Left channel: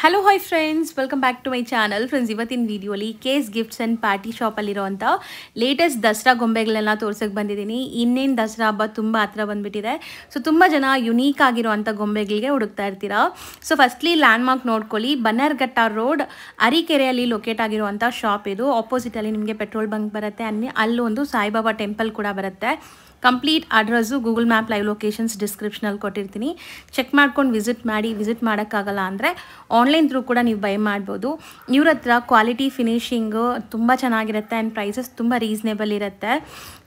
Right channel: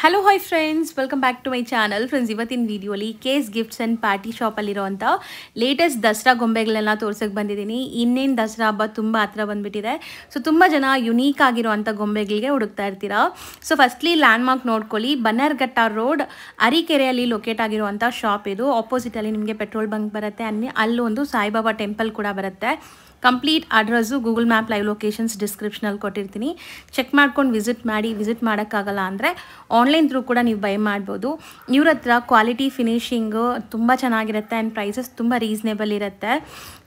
Hello hi friends, welcome back to my channel. Friends, ಇವತ್ತಿನ ವಿಡಿಯೋಲಿ case gifts and party ಶಾಪಲ್ಲಿರೋಂಥ latest Dasara ಗೊಂಬೆಗಳೆಲ್ಲ ತೋರ್ಸೋಕ್ಕೆ ಬಂದಿದ್ದೀನಿ. ಇನ್ನೇನು ದಸರಾ ಹಬ್ಬ ತುಂಬ ಹತ್ರ ಬಂದುಬಿಟ್ಟಿದೆ. ಸೊ ತುಂಬ ಜನ ಯುನೀಕ್ ಆಗಿರೋವಂಥ ಗೊಂಬೆಗಳಿಗೆ ಹುಡುಕ್ತಾ ಇರ್ತೀರಾ. ಸೊ ಫಸ್ಟ್ಲಿ ಲ್ಯಾಂಡ್ಮಾರ್ಕ್ ನೋಡ್ಕೊಳ್ಳಿ. ಬನ್ನರ್ಘಟ್ಟ ರೋಡ್ ಅರಿಕೆರೆಯಲ್ಲಿ ಲೊಕೇಟ್ ಆಗಿರುವಂಥ ಶಾಪ್ ಇದು. ಆಪೋಸಿಟಲ್ಲಿ ನಿಮಗೆ ಪೆಟ್ರೋಲ್ ಬಂಕ್ ಬರುತ್ತೆ. ಅಲ್ಲೊಂದು ಸಾಯಿಬಾಬಾ ಟೆಂಪಲ್ ಕೂಡ ಬರುತ್ತೆ. Complete address Google map live locations ಡಿಸ್ಕ್ರಿಪ್ಷನಲ್ಲಿ ಕೊಟ್ಟಿರ್ತೀನಿ. ಚೆಕ್ ಮಾಡ್ಕೊಂಡು ವಿಸಿಟ್ ಮಾಡೋಕ್ಕಾಗಲ್ಲ ಅಂದರೆ ಆನ್ಲೈನ್ ಥ್ರೂ ಕೂಡ ನೀವು ಬೈ ಮಾಡ್ಬೋದು. ಇವ್ರ ಹತ್ರ ಕ್ವಾಲಿಟಿ ಫಿನಿಶಿಂಗು ತುಂಬ ಚೆನ್ನಾಗಿರುತ್ತೆ ಆ್ಯಂಡ್ ಪ್ರೈಸಸ್ ತುಂಬ ರೀಸನೇಬಲ್ ಇರುತ್ತೆ.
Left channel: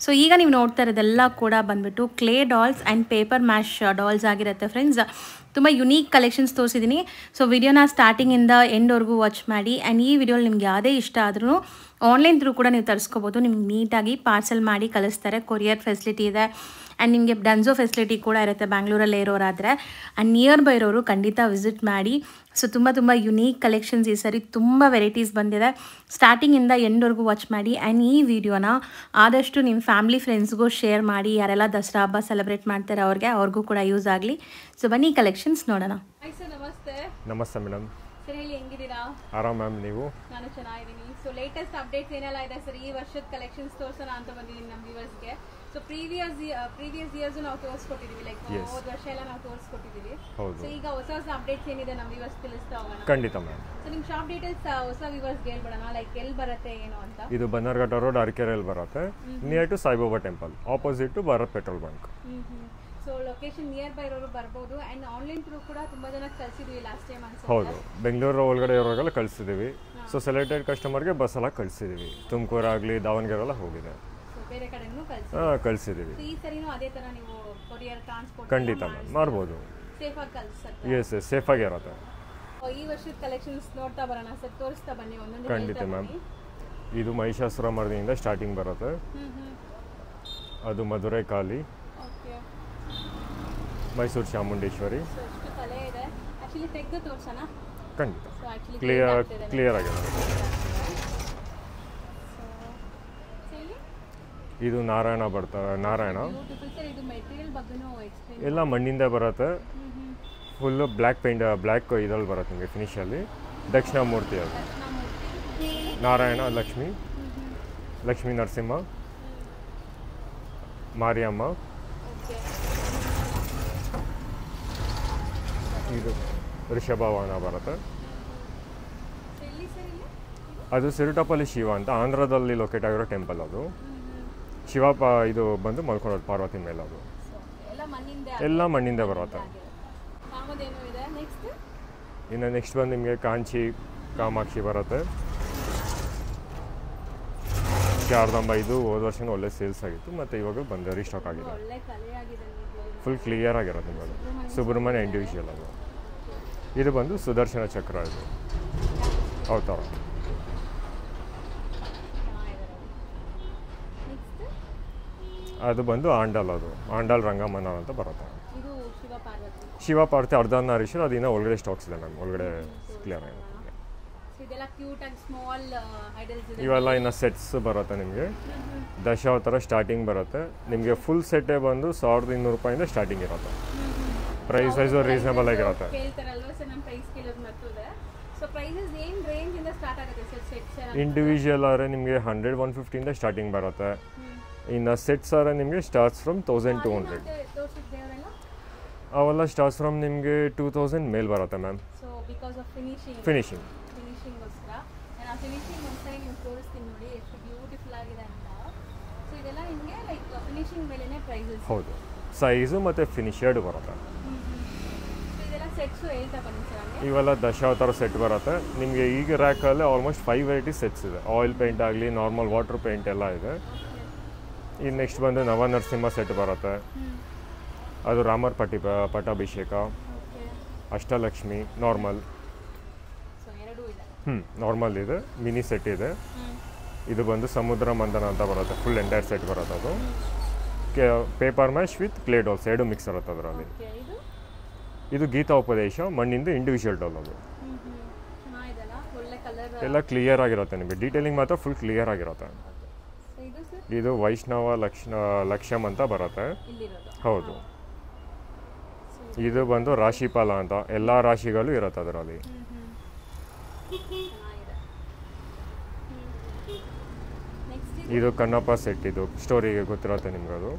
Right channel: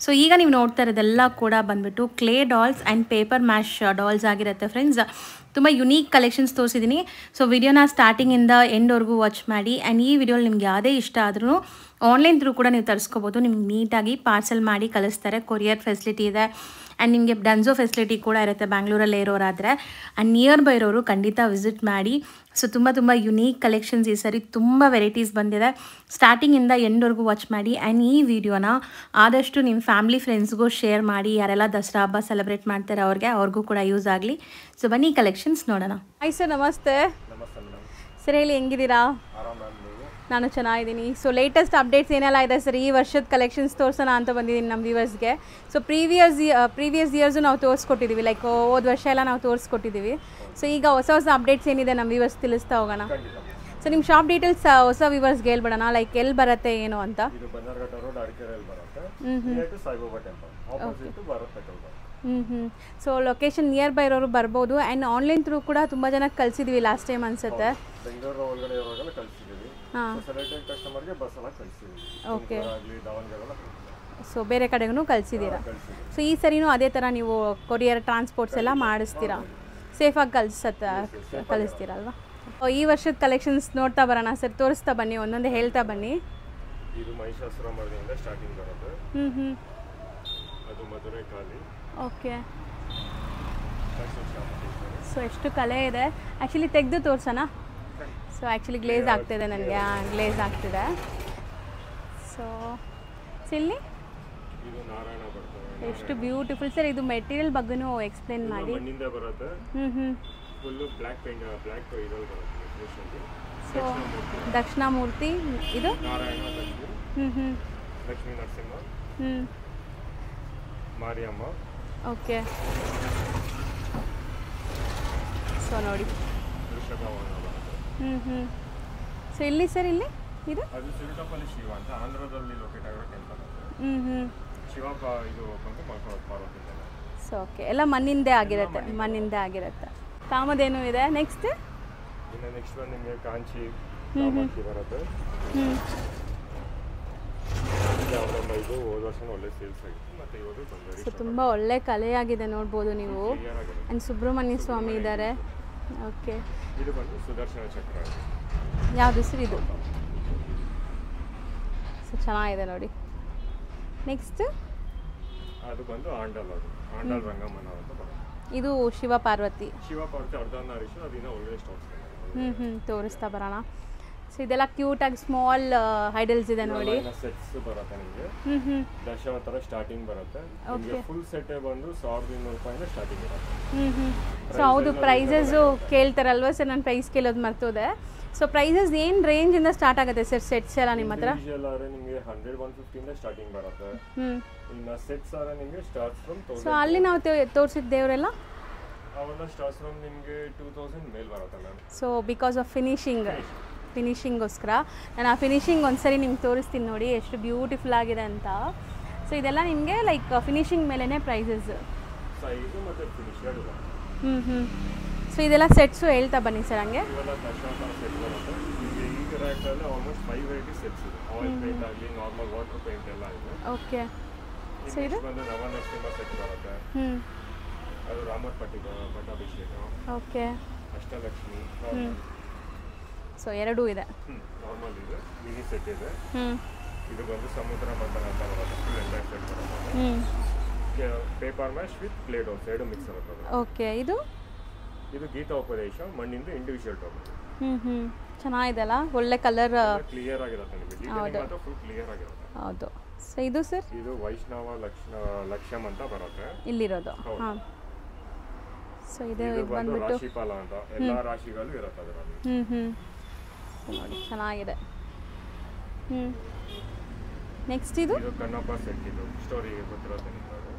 ಸೊ ಈಗ ನೀವು ನೋಡ್ತಾ ಇರೋದೆಲ್ಲ ಕೂಡ ಬಂದುಬಿಟ್ಟು clay dolls and paper mash dolls ಆಗಿರುತ್ತೆ ಫ್ರೆಂಡ್ಸ್. ತುಂಬ ಯುನೀಕ್ ಕಲೆಕ್ಷನ್ಸ್ ತೋರಿಸಿದ್ದೀನಿ. ಸೊ ವಿಡಿಯೋನ ಸ್ಟಾರ್ಟಿಂಗಿಂದ ಎಂಡ್ವರೆಗೂ ವಾಚ್ ಮಾಡಿ. ಆ್ಯಂಡ್ ಈ ವಿಡಿಯೋಲಿ ನಿಮ್ಗೆ ಯಾವುದೇ ಇಷ್ಟ ಆದ್ರೂ ಆನ್ಲೈನ್ ಥ್ರೂ ಕೂಡ ನೀವು ತರಿಸ್ಕೋಬೋದು. ನಿಮ್ಗೆ ನೀಟಾಗಿ ಪಾರ್ಸೆಲ್ ಮಾಡಿ ಕಳಿಸ್ತಾರೆ. ಕೊರಿಯರ್ ಫೆಸಿಲಿಟಿ ಇದೆ ಆ್ಯಂಡ್ ನಿಮಗೆ ಡನ್ಸೋ ಫೆಸಿಲಿಟಿ ಕೂಡ ಇರುತ್ತೆ ಬ್ಯಾಂಗ್ಳೂರಲ್ಲೇ ಇರೋರಾದರೆ. ಆ್ಯಂಡ್ ನಿಯರ್ ಬೈ ಇರೋರು ಖಂಡಿತ ವಿಸಿಟ್ ಮಾಡಿ. ಸೊ ತುಂಬ ಯುನೀಕ್ ಕಲೆಕ್ಷನ್ಸ್ ಈ ಸರಿ ತುಂಬ ವೆರೈಟೀಸ್ ಬಂದಿದೆ. ಸ್ಟಾರ್ಟಿಂಗಿಂದ ಎಂಡ್ವರೆಗೂ ವಾಚ್ ಮಾಡಿ. ಆ್ಯಂಡ್ ಈ ವಿಡಿಯೋನ ಆದಷ್ಟು ನಿಮ್ಮ ಫ್ಯಾಮಿಲಿ ಫ್ರೆಂಡ್ಸ್ಗೂ ಶೇರ್ ಮಾಡಿ. ಯಾರೆಲ್ಲ ದಸರಾ ಹಬ್ಬ ಸೆಲೆಬ್ರೇಟ್ ಮಾಡ್ತಾರೆ ಅವ್ರಿಗೂ ಕೂಡ ಯೂಸ್ ಆಗಲಿ. ಸೊ ಬನ್ನಿ ಕಲೆಕ್ಷನ್ಸ್ ನೋಡೋಣ. ಹಾಯ್ ಸರ್, ನಮಸ್ತೆ. ನಮಸ್ತೆ ಮೇಡಮ್. ಸರ್ ಹೇಳಿ, ಹೆಂಗಿದ್ದೀರಾ? ಆರಾಮ್ ಮ್ಯಾಮ್, ನೀವು? ನಾನು ಚೆನ್ನಾಗಿದ್ದೀನಿ. ಸೊ ಲೇಟೆಸ್ಟ್ ಅಪ್ಡೇಟ್ಸ್ ಏನೆಲ್ಲ ಇದೆ ಸರ್, ಈ ವರ್ಷದ ಕಲೆಕ್ಷನ್ಸ್ ತೋರಿಸೋಣ ಅಂತ ಬಂದಿದ್ದೀನಿ ನಮ್ಮ ವ್ಯೂವರ್ಸ್ಗೆ. ಸೊ ಪ್ರೀವಿಯಸ್ ಇಯರ್ಸು ನಾವು ತೋರಿಸ್ಕೊಟ್ಟಿದ್ದೀವಿ, ಲೈಕ್ ಹೋದ ವರ್ಷ ಎಲ್ಲ ನಾವು ತೋರಿಸ್ಕೊಟ್ಟಿದ್ದೀವಿ. ಸೊ ಈಗ ಹೊಸ ಅಪ್ಡೇಟ್ಸ್ ಏನಿದೆ ನಮ್ಮ ವ್ಯೂವರ್ಸ್ ತಿಳಿಸ್ತಾ ಹೋಗೋಣ. ಖಂಡಿತ ಮ್ಯಾಮ್. ಸೊ ನಿಮ್ಮ ಶಾಪ್ ಡೀಟೇಲ್ಸ್ ಹೊಸ ವ್ಯೂವರ್ಸ್ಗೆ ಹೇಳ್ಬಿಡೋಣ, ಲೈಕ್ ಎಲ್ಲಿ ಬರುತ್ತೆ ಏನು ಅಂತ. ಇದು ಬನ್ನರ್ಘಟ್ಟ ರೋಡ್ ಅರಕೆರೆಯಲ್ಲಿ ಬರುತ್ತೆ, near to Saibaba temple, opposite to Bharat petrol bunk. So location nearby ಇರೋರು ಬರ್ಬೋದು. ಆ್ಯಂಡ್ ಆನ್ಲೈನ್ ಥ್ರೂ ಕೂಡ ತುಂಬ ಜನಕ್ಕೆ ಕಳಿಸಿದ್ವಿ ಲಾಸ್ಟ್ ಟೈಮ್ ಅನ್ಸುತ್ತೆ. ಬೆಂಗಳೂರು ಒಳಗಡೆ ಇರೋರಿಗೆಲ್ಲ ಕಳಿಸಿದ್ದೀವಿ. ಸೊ ಸೆಲೆಕ್ಟೆಡ್ ಕಸ್ಟಮರ್ಗೆ ಬಸ್ ಎಲ್ಲ ಕಳಿಸಿದ್ದೀವಿ. ತುಮಕೂರು ಆಗಲಿ ದಾವಣಗೆರೆ ಎಲ್ಲ ಹೋಗಿದೆ. ಸೊ ಬೇರೆ ಕಡೆಗೂ ಕಳಿಸಿದ್ದೀವಿ. ಸೊ ಈ ಸರಿನೂ ಅದೇ ಥರ ನೀವು ಕೊರಿಯರ್ ಟ್ರಾನ್ಸ್ಪೋರ್ಟ್ಸ್ ಎಲ್ಲ ಮಾಡಿಸ್ತೀರಾ? ಸೇಫಾಗಿ ಕಳಿಸ್ತೀರಲ್ವಾ? ಈ ವರ್ಷದ ಕಲೆಕ್ಷನ್ಸ್ ನೋಡ್ತಾ ಬರೋಣ ಸರ್, ತೋರಿಸ್ತಾ ಬನ್ನಿ, ಒಂದೊಂದೇ ಹೇಳ್ತಾ ಬನ್ನಿ. ಇದು ಮಹಿಷಾಸುರ ಮರ್ದಿನಿಂದ ಸ್ಟಾರ್ಟಿಂಗ್ ಬರುತ್ತೆ. ಅದು ಮಧುರೈ ಕಾಳಿ, ಓಕೆ, ಮೈಸೂರು ಚಾಮುಂಡೇಶ್ವರಿ. ಸೊ ಎಷ್ಟು ಕಲೆ ಇದೆ. ಆ್ಯಕ್ಚುಲಿ ತೆಗೆದು ತೋರಿಸೋಣ. ಸೊ ಆ್ಯಕ್ಚುಲಿ ಗ್ಲೇಸ್ ಆಗ್ತಿದೆ, ನನಗೆ ಗ್ಲೇಸ್ ಆಗ್ತಿದೆ. ಸೊ ಇಲ್ಲಿ ಇದು ನಾರಾಯಣ ಬರ್ತಾರೆ. Narayana beautiful sir. ಇದು ಮೆಟೀರಿಯಲ್ ಬಗ್ಗೆನೂ ಎಕ್ಸ್ಪ್ಲೇನ್ ಎಲ್ಲ ಮಣ್ಣಿಂದ ಬರುತ್ತೆ. ಫುಲ್ ಬ್ಲ್ಯಾಕ್ ಪೇಂಟ್, ಬ್ಲ್ಯಾಕ್ ಇದ್ರಲ್ಲಿ ಬರುತ್ತೆ ನಿಮಗೆ ಫಿನಿಶಲ್ಲಿ. ದಕ್ಷಿಣಾಮೂರ್ತಿ, ಇದು ನಾರಾಯಣ, ಲಕ್ಷ್ಮೀ ನರಸಿಂಹ, ಮಾರಿಯಮ್ಮ. ಓಕೆ, ಸೊ ನೋಡಿ ವೃಷಭವಾಹನ ಬರುತ್ತೆ. ಸೊ ಇಲ್ಲಿ ಸರ್, ಇಲ್ಲಿ ಅದು ಸಿರುಟಪಲ್ಲಿ ಶಿವ ಅಂತ ಆಂಧ್ರದಲ್ಲಿ ಲೊಕೇಟ್ ಆಗಿರೋ ಟೆಂಪಲ್. ಅದು ಶಿವ ಇದು ಬಂದು ಮಲ್ಕೊಳ್ಳೋದು ಪಾರ್ವತಿ ಮೇಲೆ. ಅದು ಸೊ ಓಕೆ, ಎಲ್ಲ ಮಣ್ಣಿಂದೇ ಆಗಿರುತ್ತೆ. ಕಾಮಧೇನು ಇದೆ. ನೆಕ್ಸ್ಟ್ ಬಂದು ನಿಮಗೆ ಕಾಂಚಿ ಕಾಮಾಕ್ಷಿ ಬರುತ್ತೆ. ಶಾರದಾಂಬ, ಇದು ಹೋದ ವರ್ಷ ಒಳ್ಳೆ ಸೇಲ್ಸ್ ಆಗಿತ್ತು, ಮತ್ತೆ ಇವಾಗ ಬಂದ ರೀಸ್ಟಾಕ್ ಆಗಿದೆ. ತುಂಬಾ ಒಳ್ಳೆ ಕಲೆಯಾಗಿದೆ, ನೋಡಬಹುದು ನೀವು. ಫುಲ್ ಕ್ಲಿಯರ್ ಆಗಿರುತ್ತೆ. ಸುಬ್ರಹ್ಮಣ್ಯ ಇದ್ದಾರೆ. ಓಕೆ, ಇದು ಬಂದು ಸುದರ್ಶನ ಚಕ್ರ. ಇದು ಯಾವ ಹೆಸರು ಇದೆ? ಅವತಾರ. ಚೆನ್ನಾಗಿದೆ ನೋಡಿ. ನೆಕ್ಸ್ಟ್ ಅದು ಬಂದು ಆಂಡಲ್. ಅದು ಆಂಡಲ್ ರಂಗಮನ ಅಂತ ಬರುತ್ತೆ. ಇದು ಶಿವ ಪಾರ್ವತಿ ಅರ್ಧನಾರೀಶ್ವರ. ಅದಿನ್ನ ಒಳಗಡೆ ಸ್ಟಾಕ್ಸ್ ಇದೆ ಮ್ಯಾಮ್. ಒಳಗಡೆ ತೋರಿಸ್ತಾ ಬರೋಣ. ಸೊ ಇದೆಲ್ಲ ಕ್ಯೂಟ್ ಆಗಿ ಸ್ಮಾಲ್ ಐಡಲ್ಸ್ ಇದೆ. ಇವೆಲ್ಲ ಇನ್ನ ಸೆಟ್ಸ್ ಬರುತ್ತೆ ನಿಮಗೆ. ದಶಾವತಾರ ಸ್ಟಾರ್ಟಿಂಗ್ ಬರುತ್ತೆ ನಿಮಗೆ. ಫುಲ್ ಸೆಟ್ ಬಂದು 1200 ರೂಪಾಯಿಂದ ಸ್ಟಾರ್ಟಿಂಗ್ ಇರುತ್ತೆ. ಪ್ರೈಸಸ್ ಕೇಳ್ತಾರಲ್ವಾ ಸರ್, ನಾನು ಪ್ರೈಸ್ ಕೇಳೋದು ಮರ್ತೋದೆ. ಸೊ ಪ್ರೈಸಸ್ ಏನು ರೇಂಜ್ ಇಂದ ಸ್ಟಾರ್ಟ್ ಆಗುತ್ತೆ ಸರ್ ಸೆಟ್ಸ್ ಎಲ್ಲ ನಿಮ್ಮ ಹತ್ರ? ಇಂಡಿವಿಜುವಲ್ ಆದ್ರೆ ನಿಮಗೆ 100-150 ಇಂದ ಸ್ಟಾರ್ಟಿಂಗ್ ಬರುತ್ತೆ. ಇನ್ನು ಸೆಟ್ಸ್ ಆದ್ರೆ ನಿಮಗೆ ಸ್ಟಾರ್ಟ್ಸ್ ಫ್ರಮ್ 1000. ಅಲ್ಲಿ ನಾವು ತೋರಿಸಿದ ದೇವರೆಲ್ಲ ಅವೆಲ್ಲ ಸ್ಟಾರ್ಟ್ಸ್ ಫ್ರಮ್ ನಿಮಗೆ 2000 ಮೇಲ್ ಬರುತ್ತೆ ಮ್ಯಾಮ್. ಸೊ ಬಿಕಾಸ್ ಆಫ್ ಫಿನಿಶಿಂಗ್ಗೋಸ್ಕರ ನಾನು ಆ ಫಿನಿಶಿಂಗ್ ಒಂದ್ಸರಿ ನಿಮ್ಗೆ ತೋರಿಸ್ತೀನಿ ನೋಡಿ, ಎಷ್ಟು ಬ್ಯೂಟಿಫುಲ್ ಆಗಿದೆ ಅಂತ. ಸೊ ಇದೆಲ್ಲ ನಿಮಗೆ ಲೈಕ್ ಫಿನಿಶಿಂಗ್ ಮೇಲೇ ಪ್ರೈಸಸ್. ಹೌದು, ಸೈಜು ಮತ್ತು ಫಿನಿಶ್ ಎರಡು ಬರುತ್ತೆ. ಸೊ ಇದೆಲ್ಲ ಸೆಟ್ಸು ಹೇಳ್ತಾ ಬನ್ನಿ ಸರ್. ಹಂಗೆ ಇವೆಲ್ಲ ದಶಾವತಾರ ಸೆಟ್ ಬರುತ್ತೆ ನಿಮಗೆ. ಈಗ ರ್ಯಾಕಲ್ಲಿ ಆಲ್ಮೋಸ್ಟ್ 5 ವೆರೈಟಿ ಸೆಟ್ಸ್ ಇದೆ. ಆಯಿಲ್ ಪೇಂಟ್ ಆಗಲಿ, ನಾರ್ಮಲ್ ವಾಟರ್ ಪೇಂಟ್ ಎಲ್ಲ ಇದೆ. ಓಕೆ, ಈ ನೆಕ್ಸ್ಟ್ ಬಂದು ನವನರಸಿಂಹ ಸೆಟ್ ಬರುತ್ತೆ. ಅದು ರಾಮರ್ ಪಟ್ಟಾಭಿಷೇಕ. Okay, Ashtalakshmi normal. ಸೊ ಎರಡೂ ಇದೆ. ನಾರ್ಮಲ್ ಇದೆ, ಮಿನಿ ಸೆಟ್ ಇದೆ. ಇದು ಬಂದು ಸಮುದ್ರ ಮಂಥನ ಅಂತ ಬರುತ್ತೆ. ಫುಲ್ ಎಂಟೈರ್ ಸೆಟ್ ಬರುತ್ತೆ. ಅದು paper mash with clay dolls ಎರಡು ಮಿಕ್ಸ್ ಇರುತ್ತೆ ಅದರ. ಓಕೆ, ಇದು ಗೀತಾ ಉಪದೇಶ ಮಣ್ಣಿಂದ ಇಂಡಿವಿಜುವಲ್ ಡಾಲ್. ಅದು ಚೆನ್ನಾಗಿದೆಲ್ಲ, ಒಳ್ಳೆ ಕಲರ್ ಎಲ್ಲ ಕ್ಲಿಯರ್ ಆಗಿರುತ್ತೆ ನಿಮಗೆ. ಡೀಟೇಲಿಂಗ್ ಮಾತ್ರ ಫುಲ್ ಕ್ಲಿಯರ್ ಆಗಿರುತ್ತೆ. ಹೌದು. ಸೊ ಇದು ಸರ್, ಇದು ವೈಷ್ಣವ ಲಕ್ಷ್ಯಂ ಅಂತ ಬರುತ್ತೆ ಇಲ್ಲಿರೋದು. ಹೌದು. ಸೊ ಇದು ಬಂದು ರಾಶಿಫಲ ಅಂತ ಎಲ್ಲ ರಾಶಿಗಳು ಇರುತ್ತೆ ಅದರಲ್ಲಿ. ಚೆನ್ನಾಗಿದೆ. ನೆಕ್ಸ್ಟ್ ಇದು ಕನ್ನಪ್ಪ ಸೆಟ್. ಇದು ಸ್ಟೋರಿಗೆ ಗೊತ್ತಿರುತ್ತೆ ನಿಮ್ಗೆ. ಅದು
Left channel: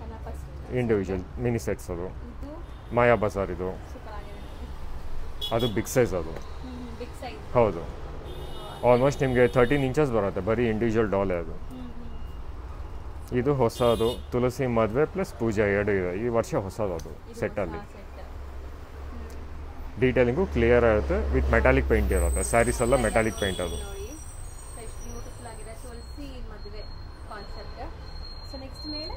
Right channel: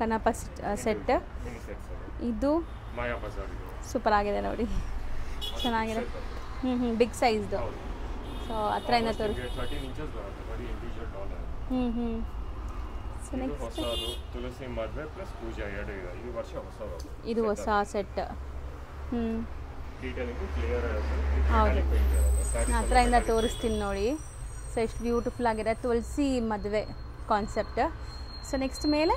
ಕನ್ನಪ್ಪ ಸೆಟ್ ಮಿನಿ ಸೆಟ್ಸ್. ಅದು ಇದು ಮಾಯಾ ಬಜಾರ್. ಇದು ಸೂಪರ್ ಆಗಿದೆ ನೋಡಿ. ಅದು ಬಿಗ್ ಸೈಜ್. ಅದು ಬಿಗ್ ಸೈಜ್. ಹೌದು. ಆಲ್ಮೋಸ್ಟ್ ನಿಮಗೆ 13 ಇಂಚಸ್ ಬರುತ್ತೆ. ಬರೀ ಇಂಡಿವಿಜುವಲ್ ಡಾಲ್ ಅದು. ಇದು ಹೊಸದು. ತುಳಸಿ ಮದುವೆ ಪ್ಲಸ್ ಪೂಜಾ ಎರಡು ಇದೆ ಈ ವರ್ಷ ಹೊಸದು. ಅದು ಇದು ಹೊಸ ಸೆಟ್. ಡೀಟೇಲಿಂಗು ಕ್ಲಿಯರ್ ಆಗುತ್ತೆ. ವಿತ್ ಮೆಟಾಲಿಕ್ ಪೇಂಟ್ ಇರುತ್ತೆ. ಸ್ಯಾರೀಸ್ ಎಲ್ಲ ಮೆಟಾಲಿಕ್ ಪೇಂಟ್ ನೋಡಿ. ಸೊ ಎಷ್ಟು ಬ್ಯೂಟಿಫುಲ್ ಆಗಿದೆ. ತುಳಸಿ ಮದುವೆ ಕಾನ್ಸೆಪ್ಟ್. ಸೊ ನೆಕ್ಸ್ಟ್ ಮೇಲೆ